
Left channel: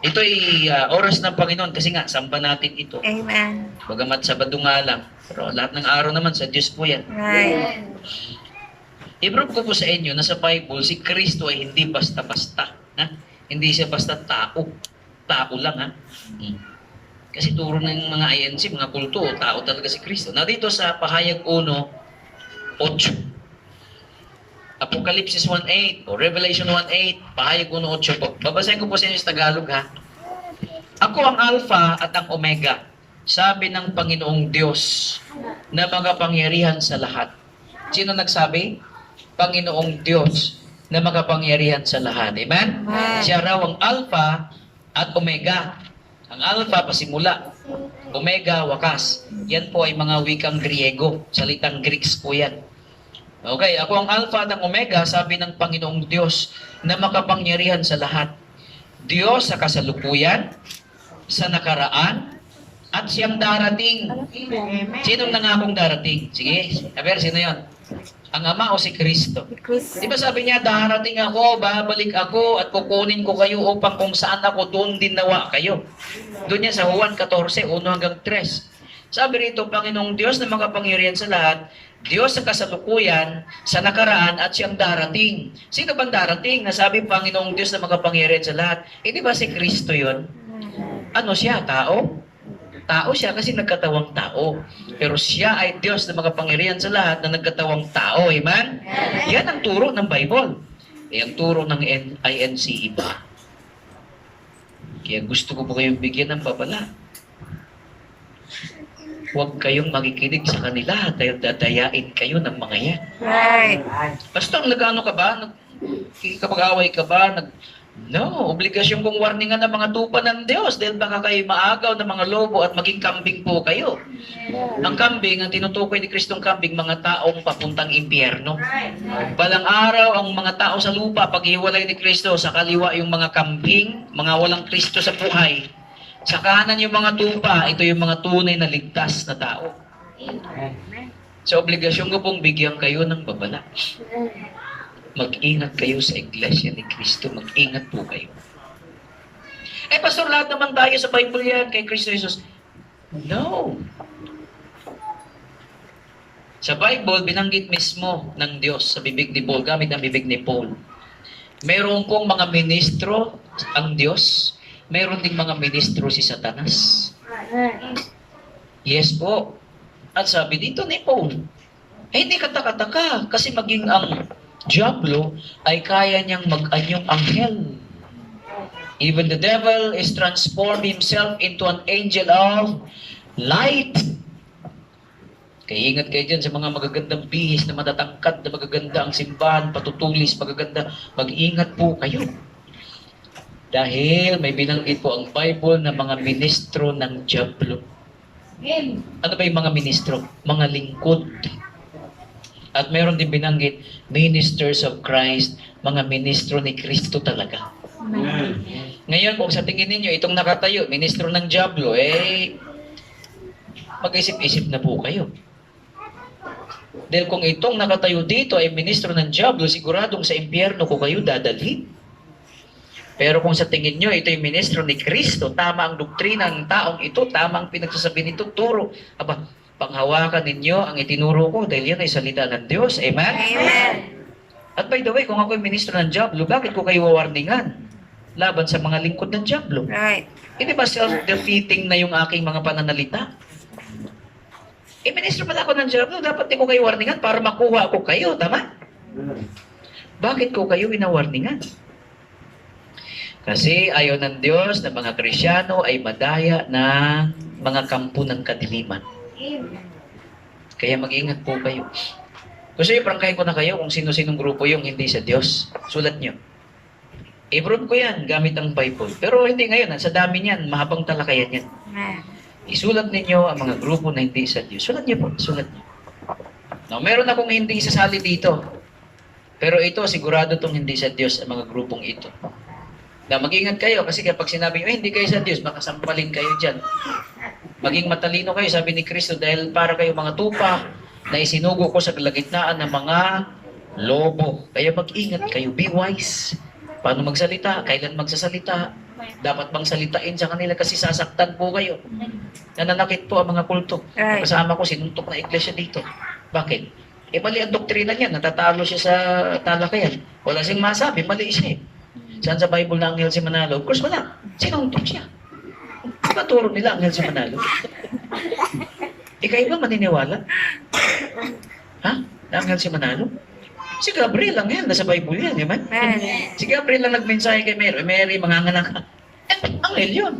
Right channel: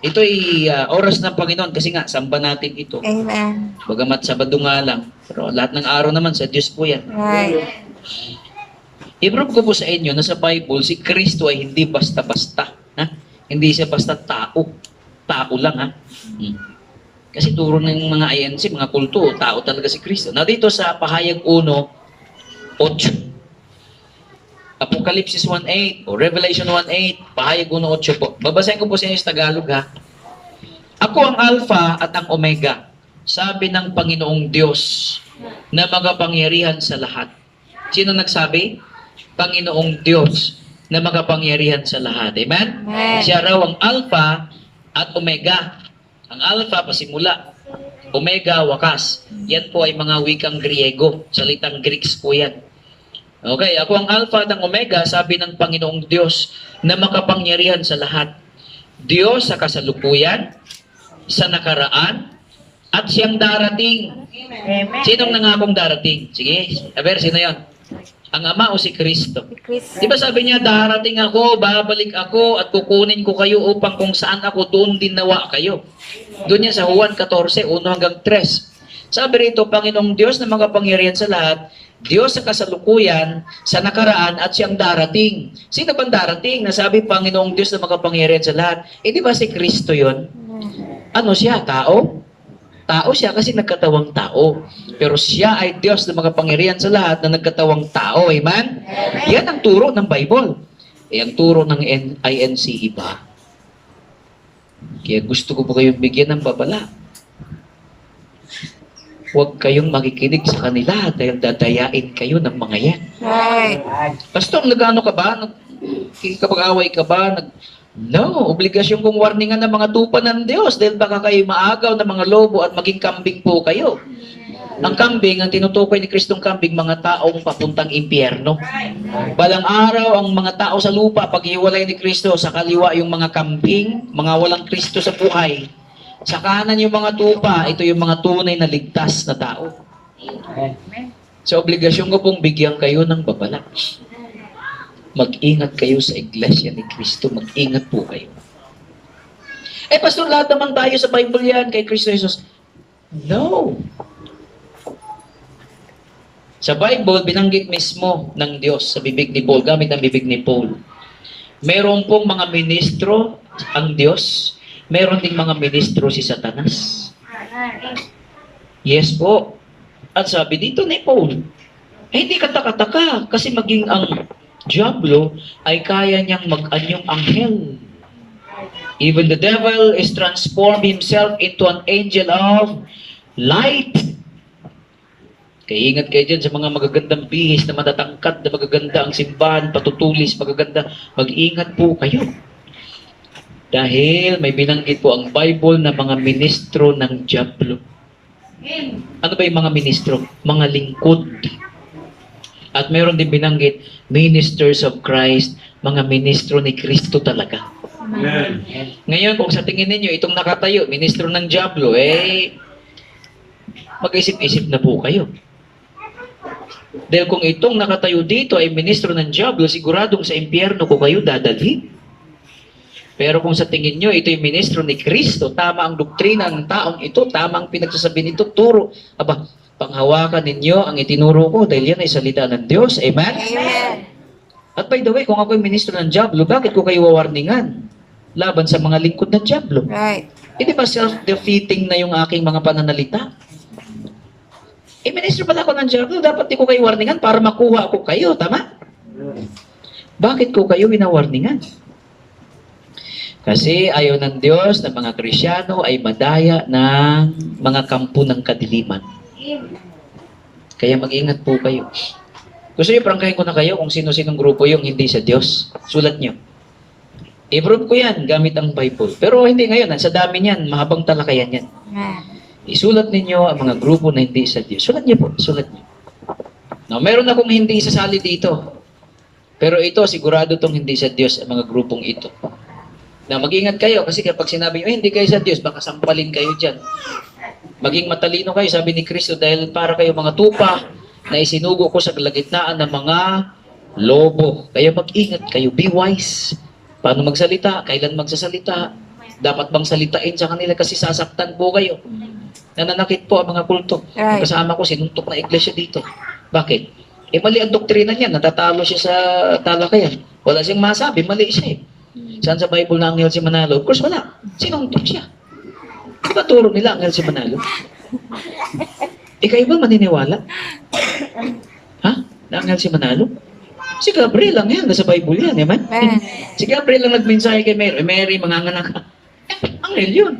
Ito ay oras ng Panginoon kasi nga, samba natin ito. Amen. Bagamat Sabado nga lang. Pero lahat ng araw naman sa Diyos po yan. Right. I-prove ko po sa inyo na sa Bible, si Kristo ay hindi basta-basta. Ha? Hindi siya basta tao. Tao lang ha. Kasi turo ng mga INC, mga kulto, tao talaga si Kristo. Na dito sa Pahayag 1:8, Apocalypse 1:8 o Revelation 1:8, Pahayag 1:8 po. Babasahin ko po sa inyo sa Tagalog ha. Ako ang Alpha at ang Omega, sabi ng Panginoong Diyos na makapangyarihan sa lahat. Sino nagsabi? Panginoong Diyos na makapangyarihan sa lahat. Amen? Amen. Siya raw ang Alpha at Omega. Ang Alpha, pasimula. Omega, wakas. Yan po ay mga wikang Griego. Salitang Greeks po yan. Okay, ako ang Alpha at ang Omega, sabi ng Panginoong Diyos na makapangyarihan sa lahat. Diyos sa kasalukuyan, sa nakaraan, at siyang darating. Sinong nangakong darating? Sige, aber, sino yan? Ang Ama o si Kristo? Si Chris. Di ba sabi niya, darating ako, babalik ako, at kukunin ko kayo upang kung saan ako, doon din nawa kayo. Doon niya sa Juan 14, 1-3. Sabi rito, Panginoong Diyos na makapangyarihan sa lahat, Diyos sa kasalukuyan, sa nakaraan, at siyang darating. Sino bang darating? Nasabi, Panginoong Diyos na makapangyarihan sa lahat. Eh, di ba si Kristo yon? Ano siya? Tao? Tao siya kasi nagkatawang tao. Pero siya ay Diyos na makapangyarihan sa lahat na nagkatawang tao. Amen? Yan ang turo ng Bible. Eh, ang turo ng INC iba. Kaya gusto ko po kayong bigyan ng babala. Huwag kayong makikinig sa kanila dahil dadayain kayo ng mga yan. Right. Pastor, nagano ka ba? Kapag-away ka ba? No, obligasyon kong warningan ng mga tupa ng Diyos dahil baka kayo maagaw ng mga lobo at maging kambing po kayo. Ang kambing, ang tinutukoy ni Kristong kambing, mga taong papuntang impyerno. Balang araw, ang mga tao sa lupa, paghiwalay ni Kristo, sa kaliwa yung mga kambing, mga walang Kristo sa buhay. Sa kanan yung mga tupa, ito yung mga tunay na ligtas na tao. Sa obligasyon ko pong bigyan kayo ng babala. Mag-ingat kayo sa iglesia ni Kristo. Mag-ingat po kayo. Eh, Pastor, lahat naman tayo sa Bible yan kay Kristo Jesus. No. Sa Bible, binanggit mismo ng Diyos sa bibig ni Paul, gamit ang bibig ni Paul. Meron pong mga ministro ang Diyos. Meron ding mga ministro si Satanas. Yes po. At sabi dito ni Paul, hindi kataka-taka kasi maging ang Diablo ay kaya niyang mag-anyong anghel. Even the devil is transformed himself into an angel of light. Kaya ingat kayo dyan sa mga magagandang bihis na matatangkad, na magaganda ang simbahan, patutulis, magaganda. Mag-ingat po kayo. Dahil may binanggit po ang Bible na mga ministro ng Diablo. Ano ba yung mga ministro? Mga lingkod. At meron din binanggit, ministers of Christ, mga ministro ni Kristo talaga. Amen. Ngayon, kung sa tingin ninyo, itong nakatayo, ministro ng Diablo, mag-isip-isip na po kayo. Dahil kung itong nakatayo dito ay ministro ng Diablo, siguradong sa impyerno ko kayo dadalhin. Pero kung sa tingin nyo, ito yung ministro ni Kristo, tama ang doktrina ng taong ito, tama ang pinagsasabi nito, turo. Aba, panghawakan ninyo ang itinuro ko dahil yan ay salita ng Diyos. Amen? Amen. At by the way, kung ako ay ministro ng Diablo, bakit ko kayo wawarningan? Laban sa mga lingkod ng Diablo. Right. Hindi ba self-defeating na yung aking mga pananalita? Ministro pala ako ng Diablo, dapat di ko kayo warningan para makuha ko kayo, tama? Bakit ko kayo winawarningan? Kasi ayaw ng Diyos na mga Krisyano ay madaya ng mga kampo ng kadiliman. Kaya mag-ingat po kayo. Gusto niyo, prangkahin ko na kayo kung sino-sinong grupo yung hindi sa Diyos. Sulat niyo. I-prove ko yan gamit ang Bible. Pero hindi ngayon, sa dami niyan, mahabang talakayan yan. Amen. Isulat ninyo ang mga grupo na hindi sa Diyos. Sulat niyo po, sulat niyo. Now, meron akong hindi isasali dito. Pero ito, sigurado itong hindi sa Diyos ang mga grupong ito. Na mag-ingat kayo kasi kapag sinabi nyo, hindi kayo sa Diyos, baka sampalin kayo dyan. Maging matalino kayo, sabi ni Kristo, dahil para kayo mga tupa na isinugo ko sa kalagitnaan ng mga lobo. Kaya mag-ingat kayo, be wise. Paano magsalita? Kailan magsasalita? Dapat bang salitain sa kanila kasi sasaktan po kayo. Nananakit po ang mga kulto. Right. Kasama ko, sinuntok na iglesia dito. Bakit? Mali ang doktrina niya, natatalo siya sa talakayan. Wala siyang masabi, mali siya eh. Saan sa Bible na anghel si Manalo? Of course, wala. Sinuntok siya. Diba turo nila Anghel si Manalo? Kayo ba maniniwala? Ha? Na Anghel si Manalo? Si Gabriel lang yan, nasa Bible yan, man. Si Gabriel lang nagmensahe kay Mary, Mary, manganganak ka. Anghel yun.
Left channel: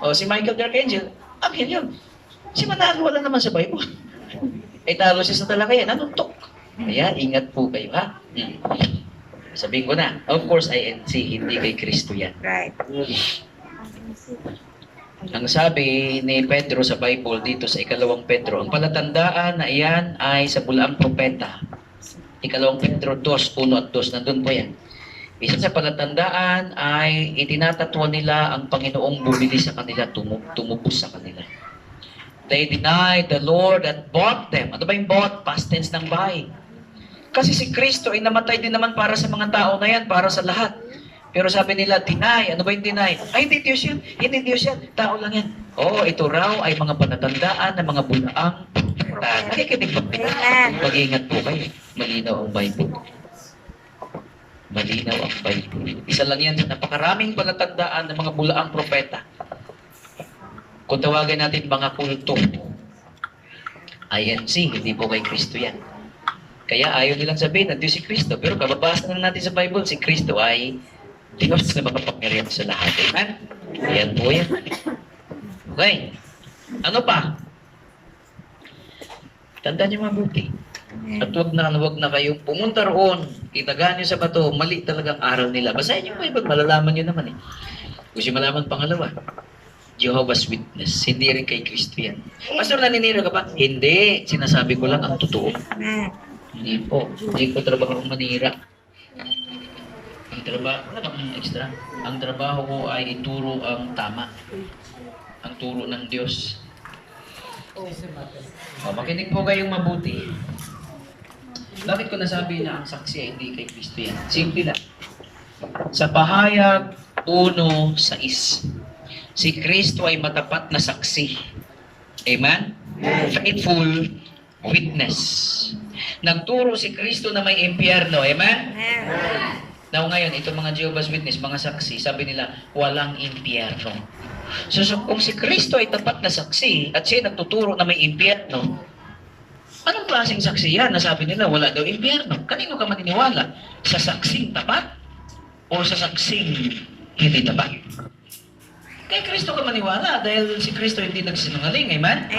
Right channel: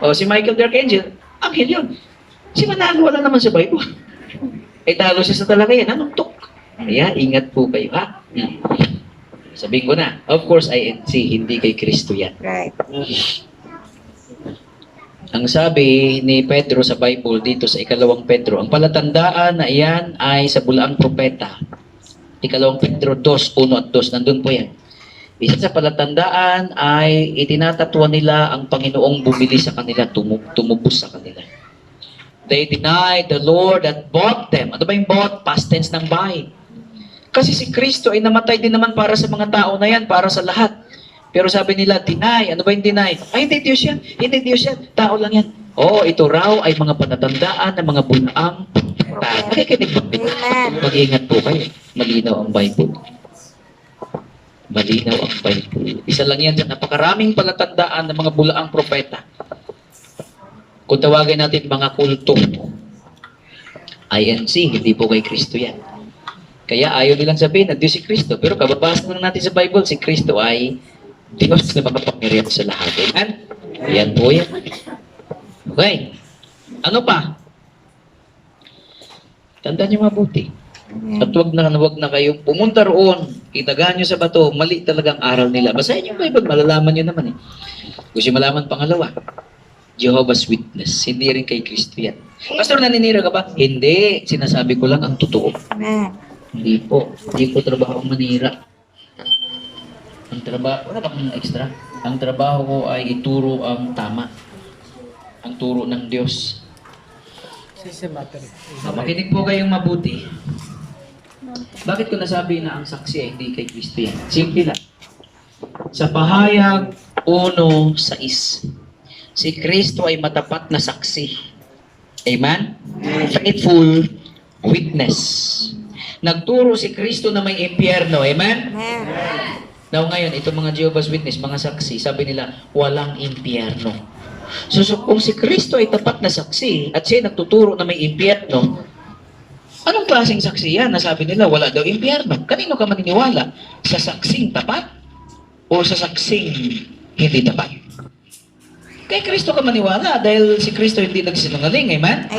O si Michael the Archangel, Anghel yun. Si Manalo wala naman sa Bible. Talo siya sa talaga yan, anong tok? Kaya ingat po kayo, ha? Sabihin ko na, of course, INC, hindi kay Kristo yan. Right. Ang sabi ni Pedro sa Bible dito sa 2 Pedro, ang palatandaan na iyan ay sa bulaang propeta. 2 Pedro 2, 1 at 2, nandun po yan. Isa sa palatandaan ay itinatatwa nila ang Panginoong bumili sa kanila, tumubos sa kanila. They denied the Lord that bought them. Ano ba yung bought? Past tense ng buy. Kasi si Kristo ay namatay din naman para sa mga tao na yan, para sa lahat. Pero sabi nila, deny. Ano ba yung deny? Ay, hindi Diyos yan. Hindi Diyos yan. Tao lang yan. Oo, ito raw ay mga palatandaan ng mga bulaang propeta. Nakikinig ba? Mag-iingat po kayo. Malinaw ang Bible. Malinaw ang Bible. Isa lang yan. Napakaraming palatandaan ng mga bulaang propeta. Kung tawagin natin mga kulto, INC, hindi po kay Kristo yan. Kaya ayaw nilang sabihin na Diyos si Kristo. Pero kababasa na natin sa Bible, si Kristo ay Diyos na makapangyarihan sa lahat. Amen? Ayan po yan. Okay. Ano pa? Tandaan niyo mabuti. At wag na kayong pumunta roon, itagaan niyo sa bato, mali talagang aral nila. Basahin niyo yung Bible, malalaman niyo naman eh. Gusto niyo malaman pangalawa, Jehovah's Witness. Hindi rin kay Kristo yan. Pastor, naninira ka ba? Hindi. Sinasabi ko lang ang totoo. Hindi po. Hindi ko trabaho manira. Ang trabaho, wala bang extra? Ang trabaho ko ay ituro ang tama. Ang turo ng Diyos. Makinig po kayong mabuti. Bakit ko nasabi na ang saksi ay hindi kay Kristo yan? Simple lang. Sa pahayag 1:6, si Kristo ay matapat na saksi. Amen? Faithful witness. Nagturo si Kristo na may impyerno. Amen? Now ngayon, itong mga Jehovah's Witness, mga saksi, sabi nila, walang impyerno. So kung si Kristo ay tapat na saksi at siya nagtuturo na may impyerno, anong klaseng saksi yan? Nasabi nila, wala daw impyerno. Kanino ka maniniwala? Sa saksing tapat o sa saksing hindi tapat? Kay Kristo ka maniwala dahil si Kristo hindi nagsinungaling. Amen?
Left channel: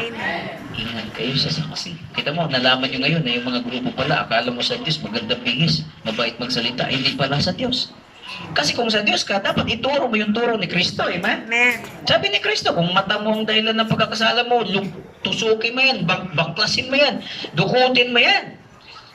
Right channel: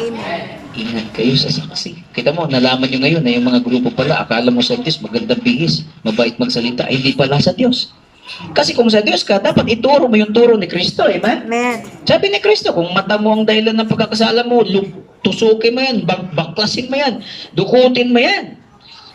Ingat kayo sa saksi. Kita mo, nalaman nyo ngayon na yung mga grupo pala, akala mo sa Diyos, magandang bihis, mabait magsalita, hindi pala sa Diyos. Kasi kung sa Diyos ka, dapat ituro mo yung turo ni Kristo. Amen? Sabi ni Kristo, kung mata mo ang dahilan ng pagkakasala mo, tusukin mo yan, baklasin mo yan, dukutin mo yan.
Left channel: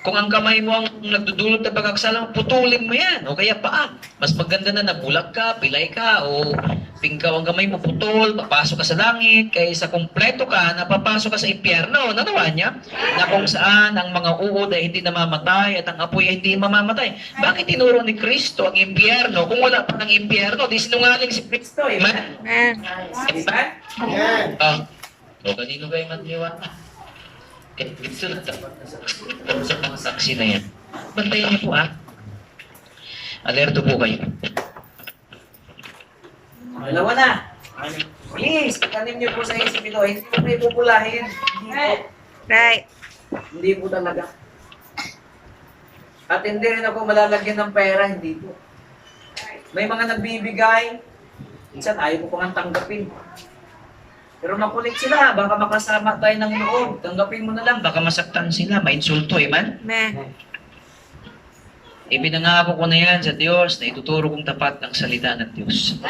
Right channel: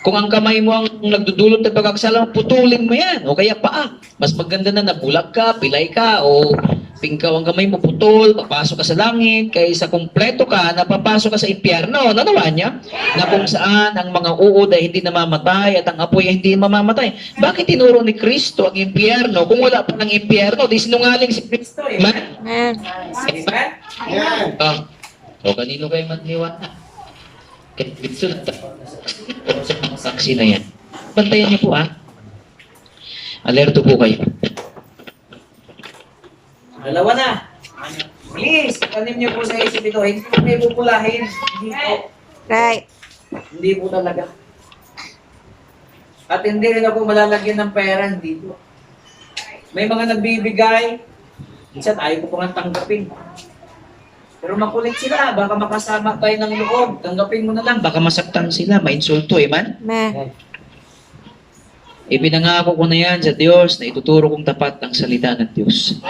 Kung ang kamay mo ang nagdudulot ng pagkakasala mo, putulin mo yan. O kaya paa. Mas maganda na nabulag ka, pilay ka, o pingkaw ang kamay mo, putol, papasok ka sa langit, kaysa kumpleto ka, napapasok ka sa impyerno. Nanawa niya? Na kung saan ang mga uod ay hindi namamatay at ang apoy ay hindi mamamatay. Bakit tinuro ni Kristo ang impyerno? Kung wala pa ng impyerno, di sinungaling si Kristo. Amen? Amen? O kanino kayo matniwala? Kaya dito sa mga saksi na yan. Bantayan niyo po Alerto po kayo. Dalawa na. Please, tanim niyo po sa isip ito. Hindi po kayo pupulahin. Hindi po. Hindi po talaga. At hindi rin ako malalagyan ng pera. Hindi po. May mga nagbibigay. Minsan ayaw ko pang tanggapin. Pero makulit sila. Baka makasama tayo ng loob. Tanggapin mo na lang. Baka masaktan sila, mainsulto, amen? Ibinangako ko na yan sa Diyos na ituturo kong tapat ang salita ng Diyos.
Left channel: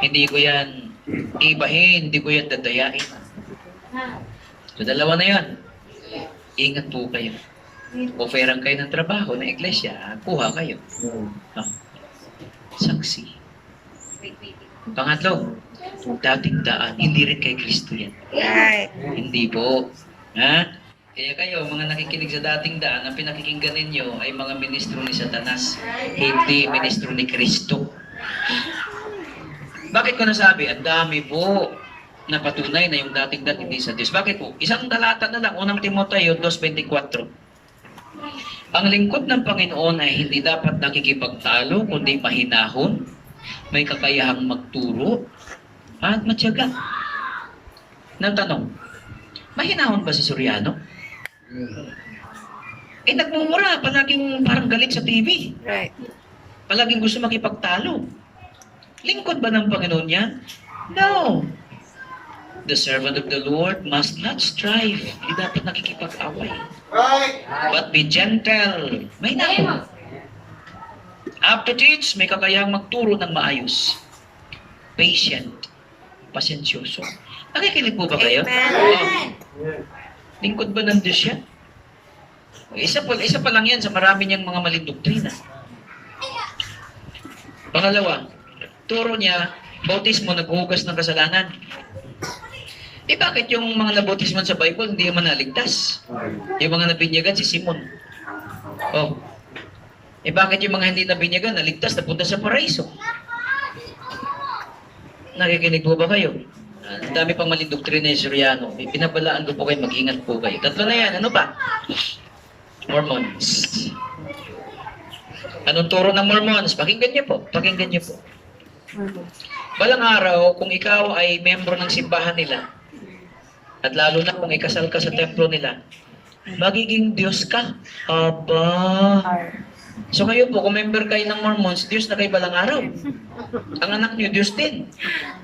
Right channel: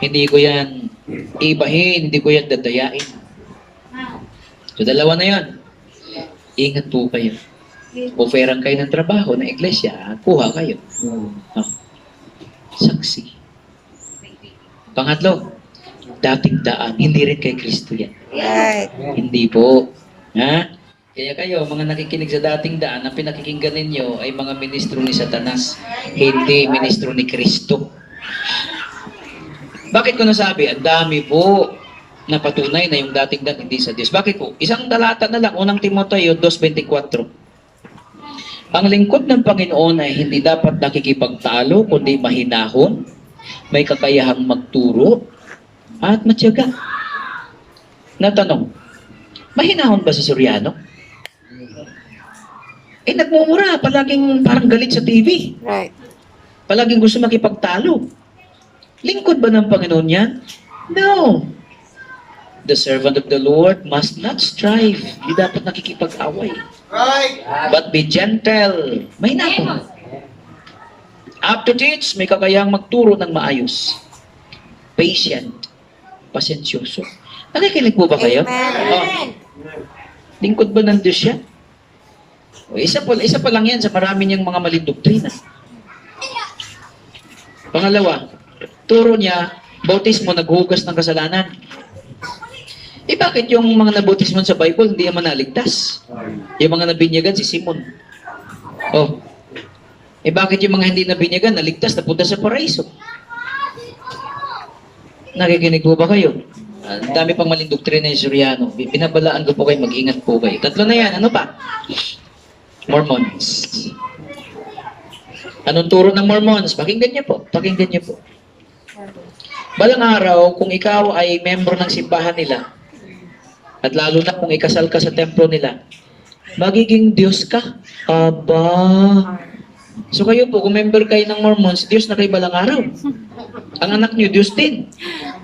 Hindi ko yan ibahin, hindi ko yan dadayain. So, dalawa na yan. Ingat po kayo. Oferan kayo ng trabaho ng iglesia, kuha kayo. Saksi. Pangatlo, dating daan, hindi rin kay Kristo yan. Hindi po. Ha? Kaya kayo, mga nakikinig sa dating daan, ang pinakikinggan ninyo ay mga ministro ni Satanas, hindi ministro ni Kristo. Bakit ko nasabi? Ang dami po na patunay na yung dating daan hindi sa Diyos. Bakit po? Isang talata na lang, unang Timoteo 2:24. Ang lingkod ng Panginoon ay hindi dapat nakikipagtalo, kundi mahinahon, may kakayahang magturo, at matyaga. Natanong, mahinahon ba si Soriano? Nagmumura, palaging parang galit sa TV. Right. Palaging gusto makipagtalo. Lingkod ba ng Panginoon yan? No. The servant of the Lord must not strive. Hindi dapat nakikipag-away. But be gentle. May nako. Apto teach, may kakayang magturo ng maayos. Patient. Pasensyoso. Nakikinig po ba kayo? Amen. Lingkod ba ng Diyos yan? Isa pa lang yan sa marami niyang mga maling doktrina. Pangalawa, turo niya, bautismo naghuhugas ng kasalanan. Bakit yung mga nabautismo sa Bible hindi naman naligtas? Yung mga nabinyagan, si Simon. Bakit yung mga hindi nabinyagan, naligtas, napunta sa paraiso? Nakikinig po ba kayo? Ang dami pang maling doktrina ni Soriano. Pinabalaan ko po kayo, mag-ingat po kayo. Tatlo na yan, ano pa? Mormons. Anong turo ng Mormons? Pakinggan niyo po. Balang araw, kung ikaw ay membro ng simbahan nila, at lalo na kung ikasal ka sa templo nila, magiging Diyos ka. Aba. So kayo po, kung member kayo ng Mormons, Diyos na kayo balang araw. Ang anak niyo, Diyos din.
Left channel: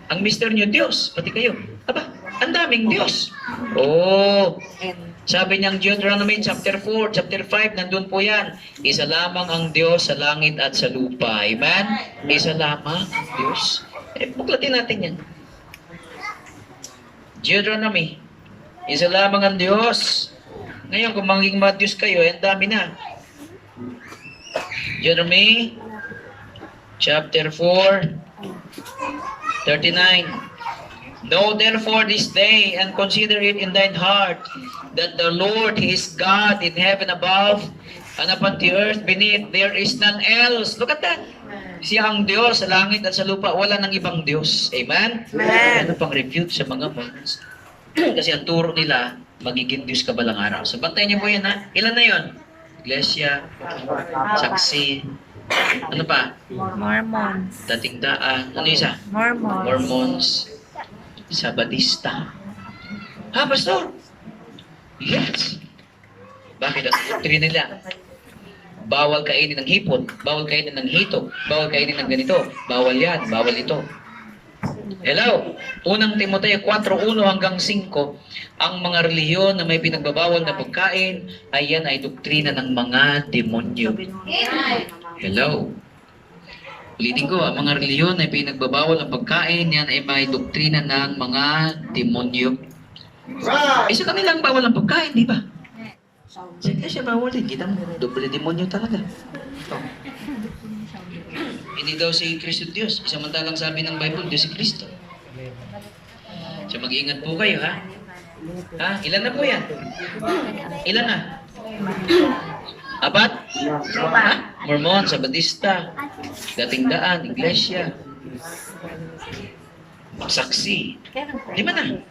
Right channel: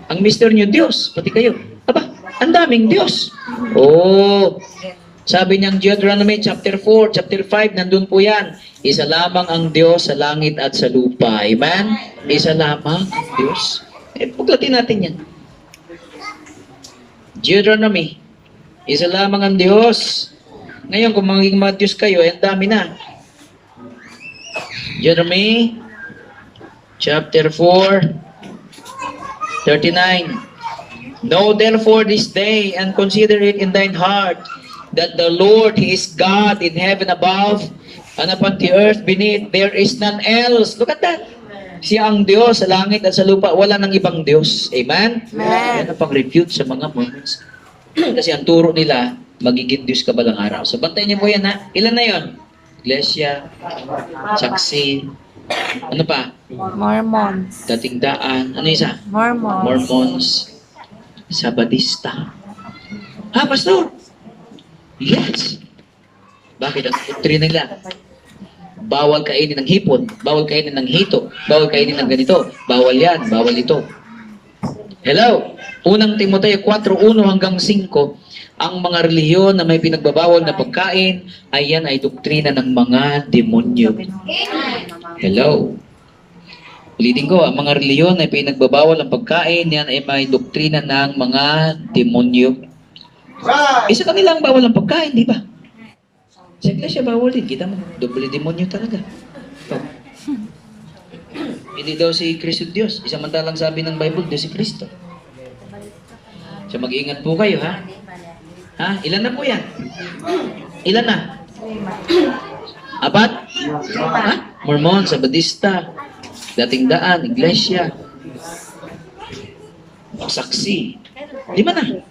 Ang mister niyo, Diyos. Pati kayo. Aba, ang daming Diyos. Sabi niyang Deuteronomy chapter 4, chapter 5, nandun po yan. Isa lamang ang Diyos sa langit at sa lupa. Amen? Isa lamang ang Diyos. Paglatin natin yan. Deuteronomy. Isa lamang ang Diyos. Ngayon, kung maging mga Diyos kayo, ang dami na. Deuteronomy chapter 4, 39. Know therefore this day and consider it in thine heart that the Lord, He is God in heaven above and upon the earth beneath. There is none else. Look at that. Siya ang Diyos sa langit at sa lupa. Wala nang ibang Diyos. Amen? Amen. Yan ang pang-refute sa mga Mormons. Kasi ang turo nila, magiging Diyos ka balang araw. So, bantayan niyo po yan, ha? Ilan na yon? Iglesia, saksi, ano pa? Mormons. Dating daan, ano isa? Mormons. Mormons, Sabadista. Pastor? Yes. Bakit ang doktrina nila? Bawal kainin ng hipon, bawal kainin ng hito, bawal kainin ng ganito, bawal yan, bawal ito. Hello? Unang Timoteo 4:1 hanggang 5, ang mga relihiyon na may pinagbabawal na pagkain, ay yan ay doktrina ng mga demonyo. Hello? Ulitin ko, ang mga relihiyon na pinagbabawal ng pagkain, yan ay may doktrina ng mga demonyo. Isa kanilang bawal ang pagkain, di ba? Sa iglesia bawal din. Kita mo, doble demonyo talaga. Hindi daw si Kristo Diyos. Isamantalang sabi ng Bible, Diyos si Kristo. So mag-iingat po kayo, ha? Ilan na po yan? Ilan na? 4? Mormon, Sabadista, Dating Daan, Iglesia, Saksi. 5 na.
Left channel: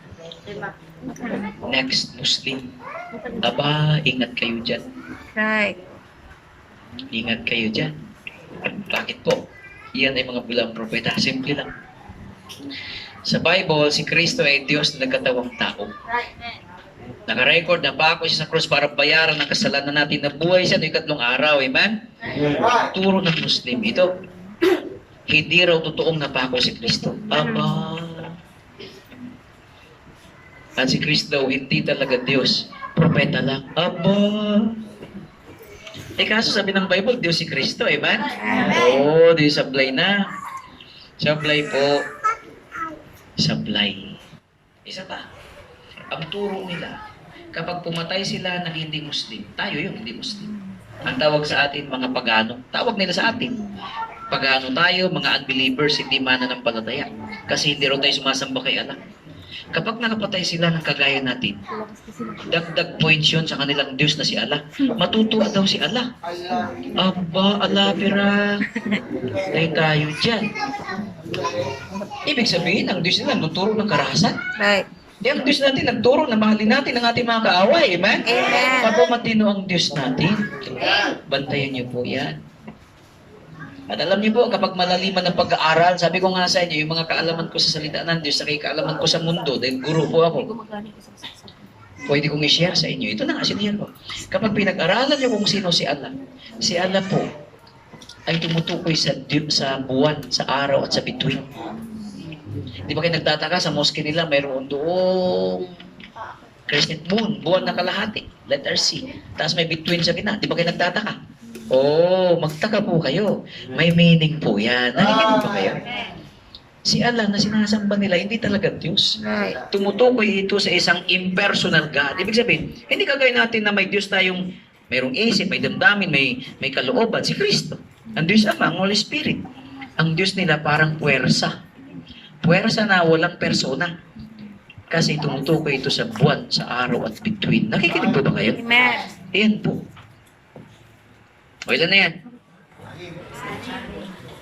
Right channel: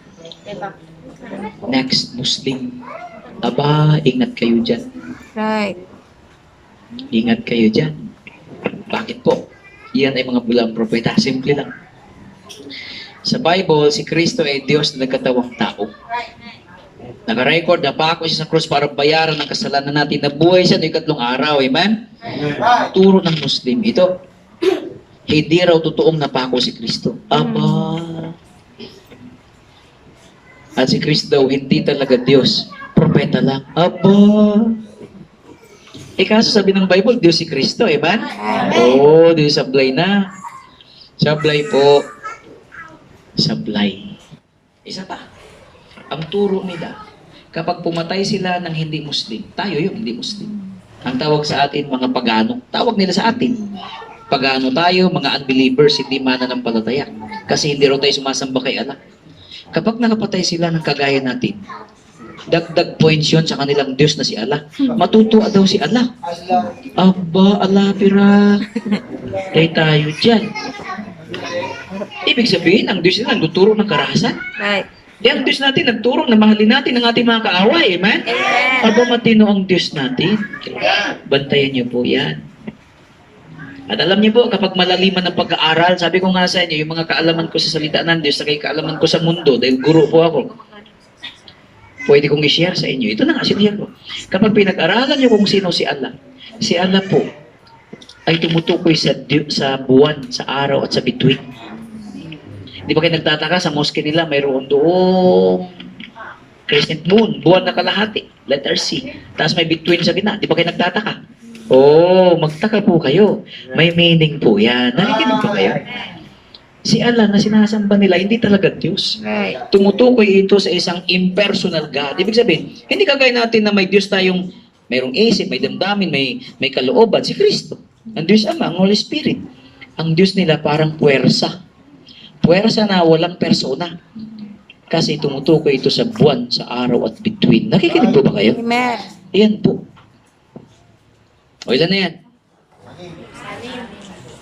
Next, Muslim. Aba, ingat kayo dyan. Right. Ingat kayo dyan. Bakit po? Iyan ay mga bulang propeta. Simple lang. Sa Bible, si Kristo ay Diyos na nagkatawang tao. Naka-record na pa ako siya sa krus para bayaran ng kasalanan natin. Nabuhay siya noong 3 araw. Amen? Turo ng Muslim ito. Hindi raw totoong napako si Kristo. Aba. At si Kristo daw, hindi talaga Diyos. Propeta lang. Aba. Kaso sabi ng Bible, Diyos si Kristo. Amen? Di sablay na. Sablay po. Sablay. Isa pa. Ang turo nila, kapag pumatay sila ng hindi Muslim, tayo yun, hindi Muslim. Ang tawag sa atin, mga pagano. Tawag nila sa atin. Pagano tayo, mga unbelievers, hindi mananampalataya. Kasi hindi raw tayo sumasamba kay Allah. Kapag nakapatay sila ng kagaya natin, dagdag points yun sa kanilang Diyos na si Allah. Matutuwa daw si Allah. Aba, Allah, pira. Tayo dyan. Ibig sabihin, ang Diyos nila nagtuturo ng karahasan. Right. Di ang Diyos natin nagturo na mahalin natin ang ating mga kaaway. Amen? Amen. Aba, matino ang Diyos natin. Bantayan niyo po yan. At alam niyo po, kapag malaliman ng pag-aaral, sabi ko nga sa inyo, yung mga kaalaman ko sa salita ng Diyos, saka yung kaalaman ko sa mundo, dahil guro po ako, pwede kong i-share sa inyo. Ito na nga, sinihar ko. Kapag pinag-aralan niyo kung sino si Allah po ay tumutukoy sa buwan, sa araw at sa bituin. Di ba kayo nagtataka sa mosque nila, mayroon doong crescent moon, buwan na kalahati, letter C. Tapos may bituin sa gitna. Di ba kayo nagtataka? Oh, magtaka po kayo. May meaning po yan. Nakikinig po kayo? Si Allah na sinasamba nila, hindi talaga Diyos. Right. Tumutukoy ito sa isang impersonal God. Ibig sabihin, hindi kagaya natin na may Diyos tayong mayroong isip, may damdamin, may kalooban. Si Kristo. Ang Diyos Ama, ang Holy Spirit. Ang Diyos nila parang puwersa. Puwersa na walang persona. Kasi tumutukoy ito sa buwan, sa araw at bituin. Nakikinig po ba kayo? Amen. Ayan po. O ilan na yan?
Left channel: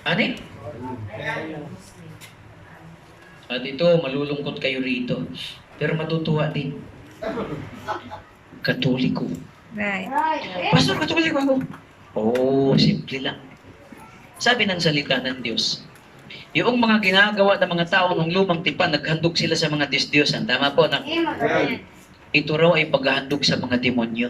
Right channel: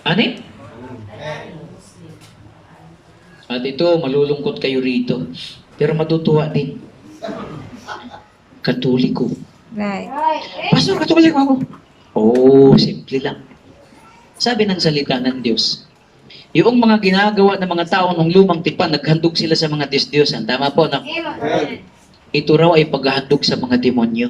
Anim? At ito, malulungkot kayo rito. Pero matutuwa din. Katoliko. Right. Pastor, katoliko ako. Oh, simple lang. Sabi ng salita ng Diyos, yung mga ginagawa ng mga tao ng lumang tipan, naghandog sila sa mga Diyos-Diyosan. Tama po, no? Ito raw ay paghahandog sa mga demonyo.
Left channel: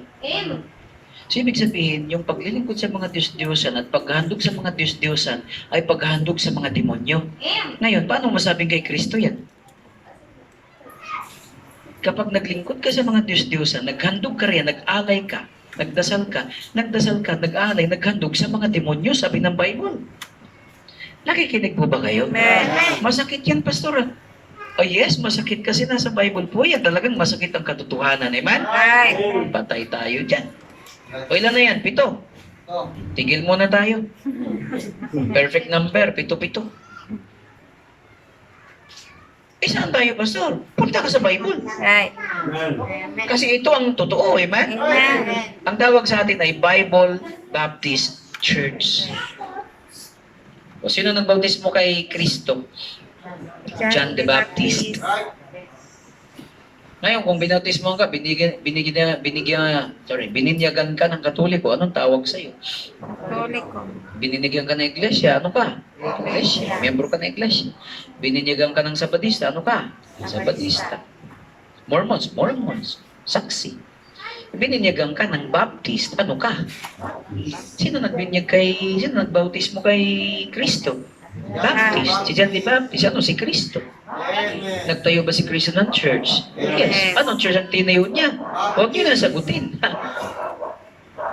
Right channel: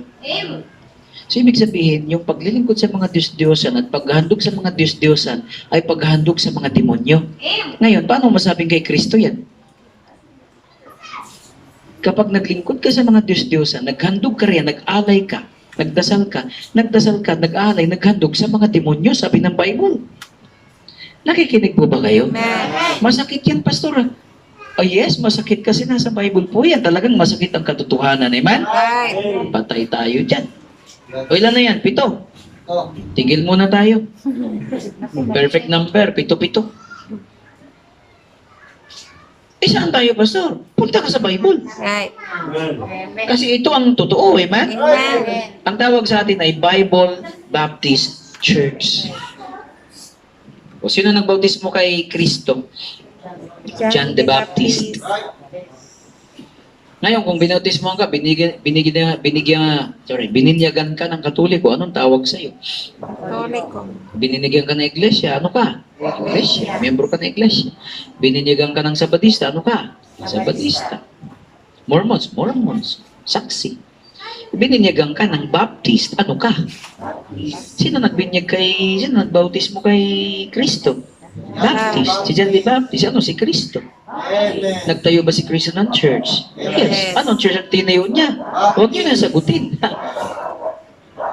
So, ibig sabihin, yung paglilingkod sa mga Diyos-Diyosan at paghahandog sa mga Diyos-Diyosan ay paghahandog sa mga demonyo. Ngayon, paano masabing kay Kristo yan? Kapag naglingkod ka sa mga Diyos-Diyosan, naghandog ka riyan, nag-alay ka, nagdasal ka, nag-alay, naghandog sa mga demonyo, sabi ng Bible. Nakikinig po ba kayo? Amen. Masakit yan, Pastor. Oh yes, masakit kasi nasa Bible po yan. Talagang masakit ang katotohanan. Amen? Right. Patay tayo dyan. O ilan na yan? 7. Tigil muna tayo. Perfect number, 7. Saan tayo, Pastor? Punta ka sa Bible. Right. Kasi ito ang totoo, amen? Amen. Ang tawag sa atin ay Bible Baptist Church. O sino nagbautismo kay Kristo? John the Baptist. Ngayon, kung binautismo ka, bininyagan ka ng Katoliko, anong tawag sa'yo? Katoliko. Bininyagan ka ng iglesia, ano ka? Iglesia. Membro ka ng iglesia. Bininyagan ka ng Sabadista, ano ka? Sabadista. Mormons. Saksi. Bininyagan ka ng Baptist, ano ka? Sino nagbautismo kay Kristo? Baptist. Si John the Baptist, ano? Si Kristo. Nagtayo ba si Kristo ng church? Yes. Anong church ang tinayo niya? Huwag niyo na sagutin.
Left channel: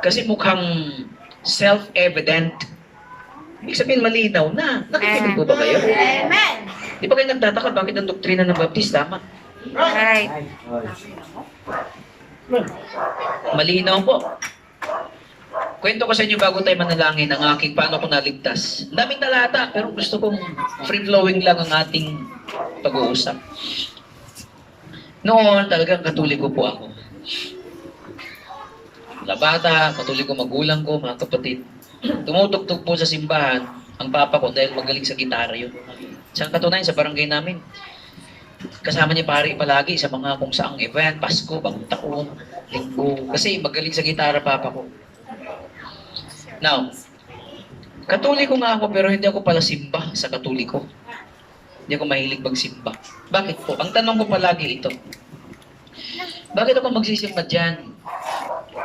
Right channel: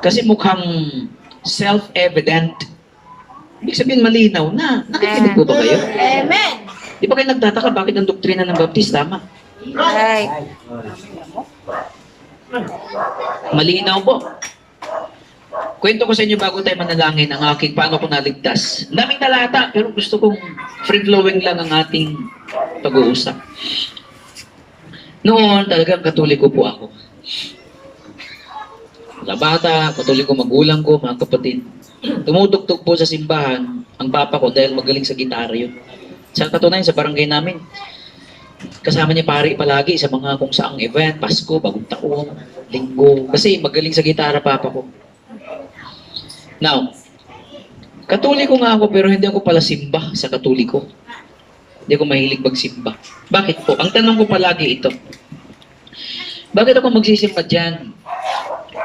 Kasi mukhang self-evident. Ibig sabihin malinaw na. Nakikinig po ba kayo? Amen. Di ba kayo nagtataka bakit ang doktrina ng Baptist tama? Right. Malinaw po. Kwento ko sa inyo bago tayo manalangin ang aking paano ko naligtas. Ang daming talata, pero gusto kong free-flowing lang ang ating pag-uusap. Noon, talagang Katoliko po ako. Mga bata, Katoliko magulang ko, mga kapatid. Tumutugtog po sa simbahan ang papa ko dahil magaling sa gitara yun. Sa katunayan, sa barangay namin, kasama niya pari palagi sa mga kung saang event, Pasko, Bagong Taon, Linggo. Kasi magaling sa gitara papa ko. Now, Katoliko nga ako pero hindi ako pala simba sa Katoliko. Hindi ako mahilig magsimba. Bakit po? Ang tanong ko palagi ito. Bakit ako magsisimba dyan?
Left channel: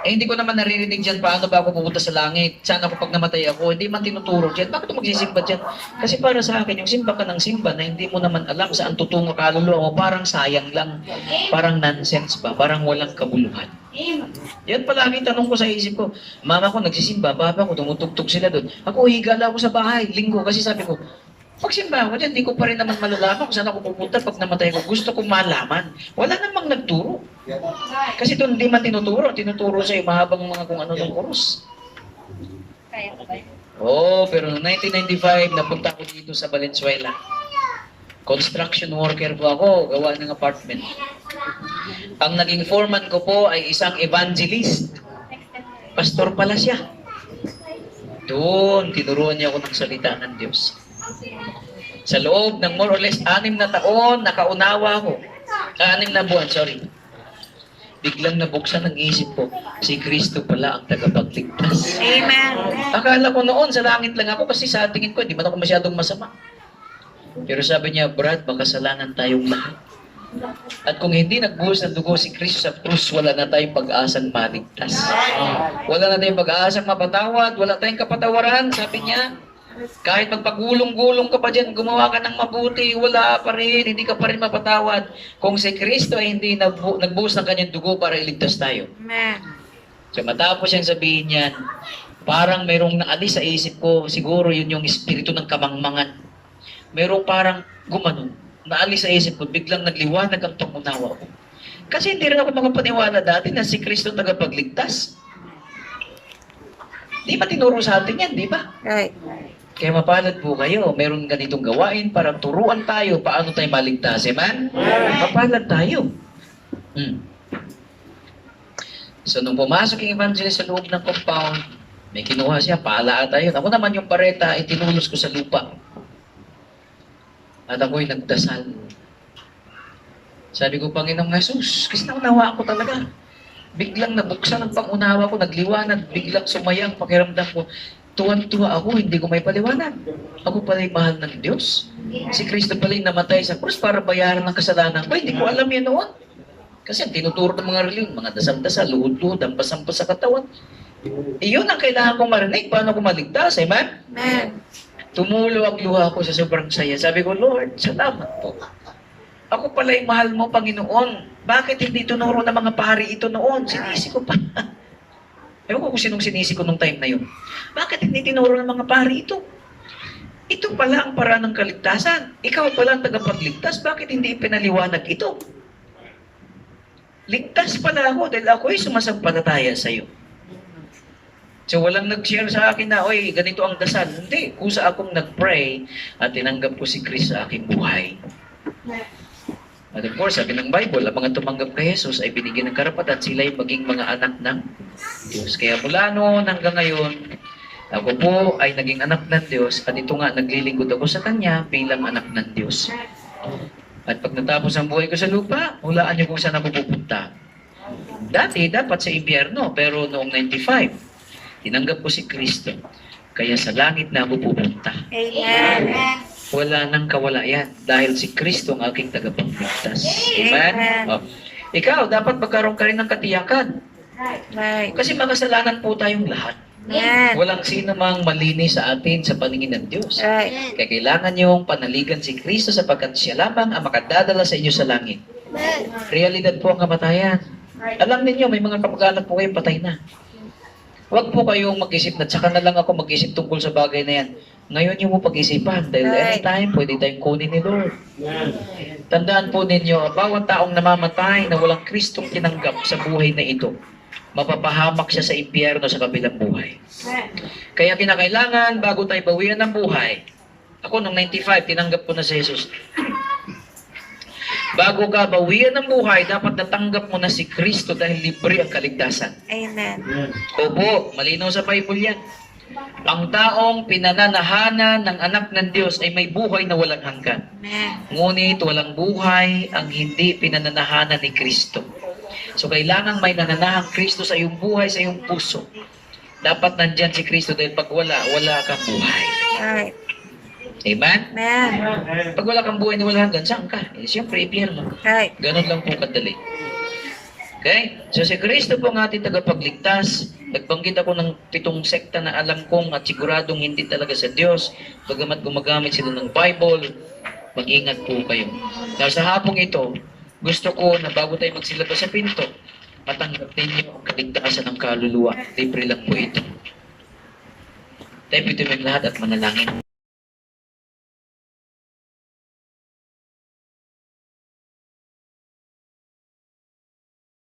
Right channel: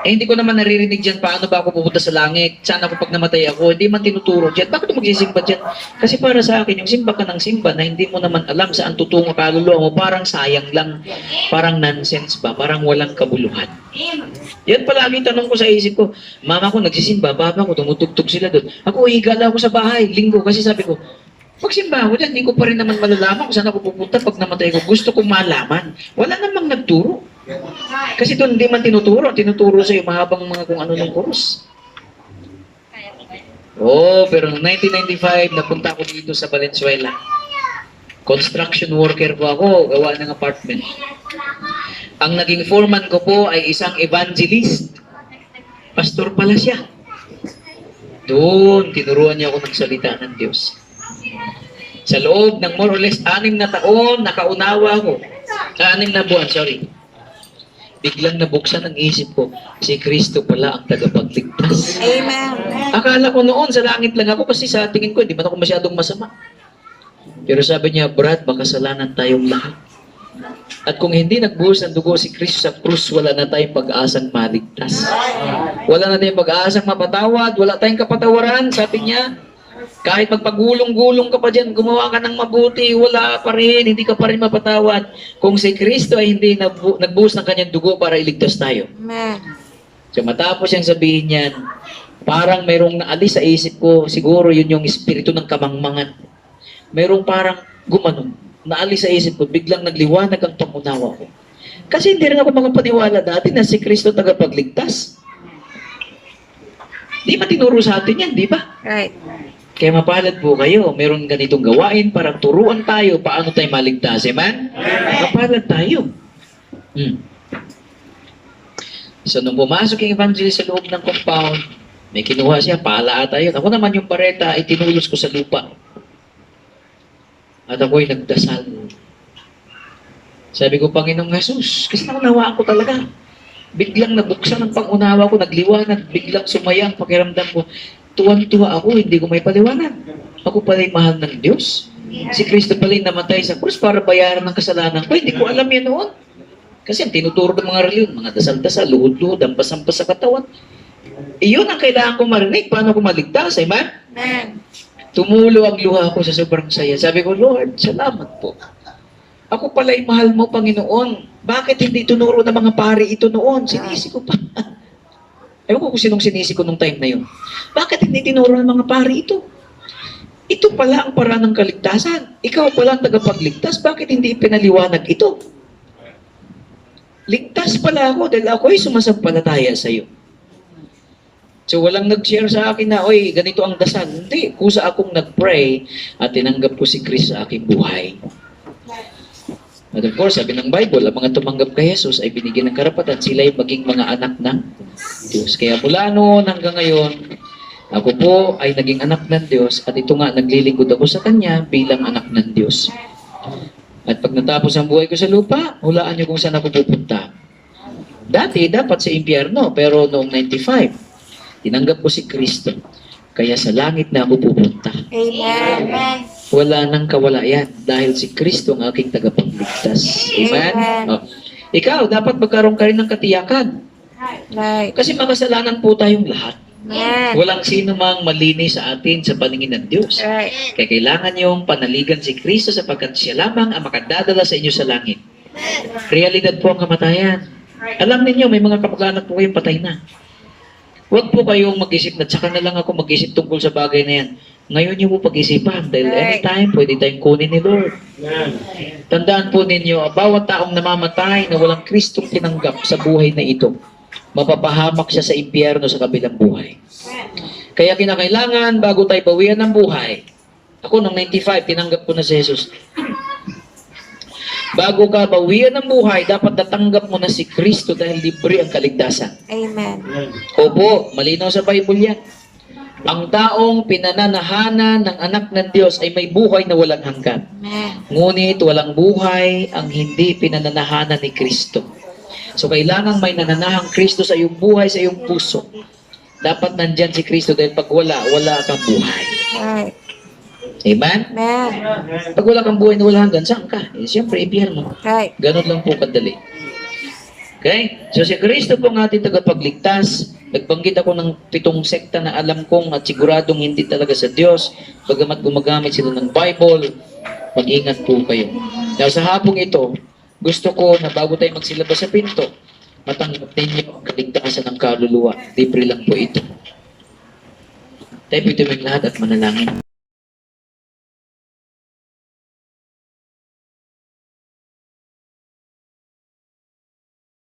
Hindi ko naman naririnig dyan paano ba ako pupunta sa langit. Saan ako pag namatay ako? Hindi man tinuturo dyan. Bakit ako magsisimba dyan? Kasi para sa akin, yung simba ka ng simba na hindi mo naman alam saan tutungo kaluluwa mo, parang sayang lang. Parang nonsense ba? Parang walang kabuluhan. Yan palagi tanong ko sa isip ko. Mama ko nagsisimba, baba ko, tumutugtog sila doon. Ako, higala ako sa bahay, linggo. Kasi sabi ko, pag simba ako dyan, hindi ko pa rin naman malalaman kung saan ako pupunta pag namatay ko. Gusto kong malaman. Wala namang nagturo. Kasi doon hindi man tinuturo. Tinuturo sa'yo mahabang mga kung ano ng kurus. Pero noong 1995, napunta ako dito sa Valenzuela. Construction worker po ako, gawa ng apartment. Ang naging foreman ko po ay isang evangelist. Pastor pala siya. Doon, tinuruan niya ako ng salita ng Diyos. Sa loob ng more or less 6 na taon, nakaunawa ako. 6 na buwan, sorry. biglang nabuksan ang isip ko, si Kristo pala ang tagapagligtas. Amen. Akala ko noon sa langit lang ako kasi sa tingin ko, hindi man ako masyadong masama. Pero sabi niya, Brad, makasalanan tayong lahat. At kung hindi nagbuhos ng dugo si Kristo sa krus, wala na tayong pag-asang maligtas. Wala na tayong pag-asang mapatawad, wala tayong kapatawaran. Sabi niya, kahit magpagulong-gulong ka pa dyan, gumawa ka ng mabuti, wala pa rin, hindi ka pa rin mapatawad. Kung si Kristo ay hindi nagbuhos ng kanyang dugo para iligtas tayo. Amen. So matapos siyang sabihin niyan, parang mayroong naalis sa isip ko, siguro yun yung espiritu ng kamangmangan. Mayroong parang gumanon, naalis sa isip ko, biglang nagliwanag ang pangunawa ko. Kasi hindi rin ako makapaniwala dati na si Kristo tagapagligtas. Di ba tinuro sa atin yan, di ba? Right. Kaya mapalad po kayo, meron ganitong gawain para turuan tayo paano tayo maligtas. Amen? Mapalad tayo. So, nung pumasok yung evangelist sa loob ng compound, may kinuha siya, pala tayo. Ako naman yung pareta ay tinulos ko sa lupa. At ako'y nagdasal. Sabi ko, Panginoong Jesus, kasi naunawaan ko talaga. Biglang nabuksan ang pangunawa ko, nagliwanag, biglang sumaya ang pakiramdam ko. Tuwan-tuwa ako, hindi ko may paliwanag. Ako pala'y mahal ng Diyos. Si Kristo pala'y namatay sa krus para bayaran ng kasalanan ko. Hindi ko alam yan noon. Kasi ang tinuturo ng mga reliyon, mga dasal-dasal, luhod-luhod, ampas-ampas sa katawan. Iyon ang kailangan kong marinig. Paano ko maligtas? Amen? Amen. Tumulo ang luha ko sa sobrang saya. Sabi ko, Lord, salamat po. Ako pala'y mahal mo, Panginoon. Bakit hindi tunuro ng mga pari ito noon? Sinisi ko pa. Ewan ko kung sinong sinisi ko nung time na yun. Bakit hindi tinuro ng mga pari ito? Ito pala ang paraan ng kaligtasan. Ikaw pala ang tagapagligtas. Bakit hindi pinaliwanag ito? Ligtas pala ako dahil ako'y sumasampalataya sa iyo. So walang nag-share sa akin na, oy, ganito ang dasal. Hindi. Kusa akong nag-pray at tinanggap ko si Christ sa aking buhay. At of course, sabi ng Bible, ang mga tumanggap kay Jesus ay binigyan ng karapatan, sila ay maging mga anak ng Diyos. Kaya mula noon hanggang ngayon, ako po ay naging anak ng Diyos at ito nga, naglilingkod ako sa Kanya bilang anak ng Diyos. At pag natapos ang buhay ko sa lupa, hulaan niyo kung saan ako pupunta. Dati, dapat sa impyerno, pero noong 95, tinanggap ko si Kristo. Kaya sa langit na ako pupunta. Amen. Wala nang kawalayan dahil si Kristo ang aking tagapagligtas. Amen? Amen. Oh. Ikaw, dapat magkaroon ka rin ng katiyakan. Right. Kasi makasalanan po tayong lahat. Amen. Walang sino mang malinis sa atin sa paningin ng Diyos. Right. Kaya kailangan niyong panaligan si Kristo sapagkat siya lamang ang makadadala sa inyo sa langit. Realidad po ang kamatayan. Alam ninyo, may mga kapag-anak po kayong patay na. Huwag po kayong mag-isip na tsaka na lang ako mag-isip tungkol sa bagay na yan. Ngayon niyo po pag-isipan dahil anytime pwede tayong kunin ni Lord. Tandaan po ninyo, bawat taong namamatay na walang Kristong tinanggap sa buhay na ito, mapapahamak siya sa impyerno sa kabilang buhay. Kaya kinakailangan, bago tayo bawian ng buhay, ako nung 95, tinanggap ko na si Jesus. Bago ka bawian ng buhay, dapat natanggap mo na si Kristo dahil libre ang kaligtasan. Amen. Opo, malinaw sa Bible yan. Ang taong pinananahanan ng anak ng Diyos ay may buhay na walang hanggan. Amen. Ngunit walang buhay ang hindi pinananahanan ni Kristo. So kailangan may nananahang Kristo sa iyong buhay, sa iyong puso. Dapat nandyan si Kristo dahil pag wala, wala kang buhay. Right. Amen? Amen. Pag wala kang buhay na walang hanggan, saan ka? Eh, siyempre, impyerno. Right. Ganun lang po kadali. Okay? So si Kristo po ang ating tagapagligtas. Nagbanggit ako ng 7 sekta na alam kong at siguradong hindi talaga sa Diyos. Bagamat gumagamit sila ng Bible, mag-ingat po kayo. Dahil sa hapong ito, gusto ko na bago tayo magsilabas sa pinto, matanggap ninyo ang kaligtasan ng kaluluwa. Libre lang po ito. Tayo po ito lahat at manalangin.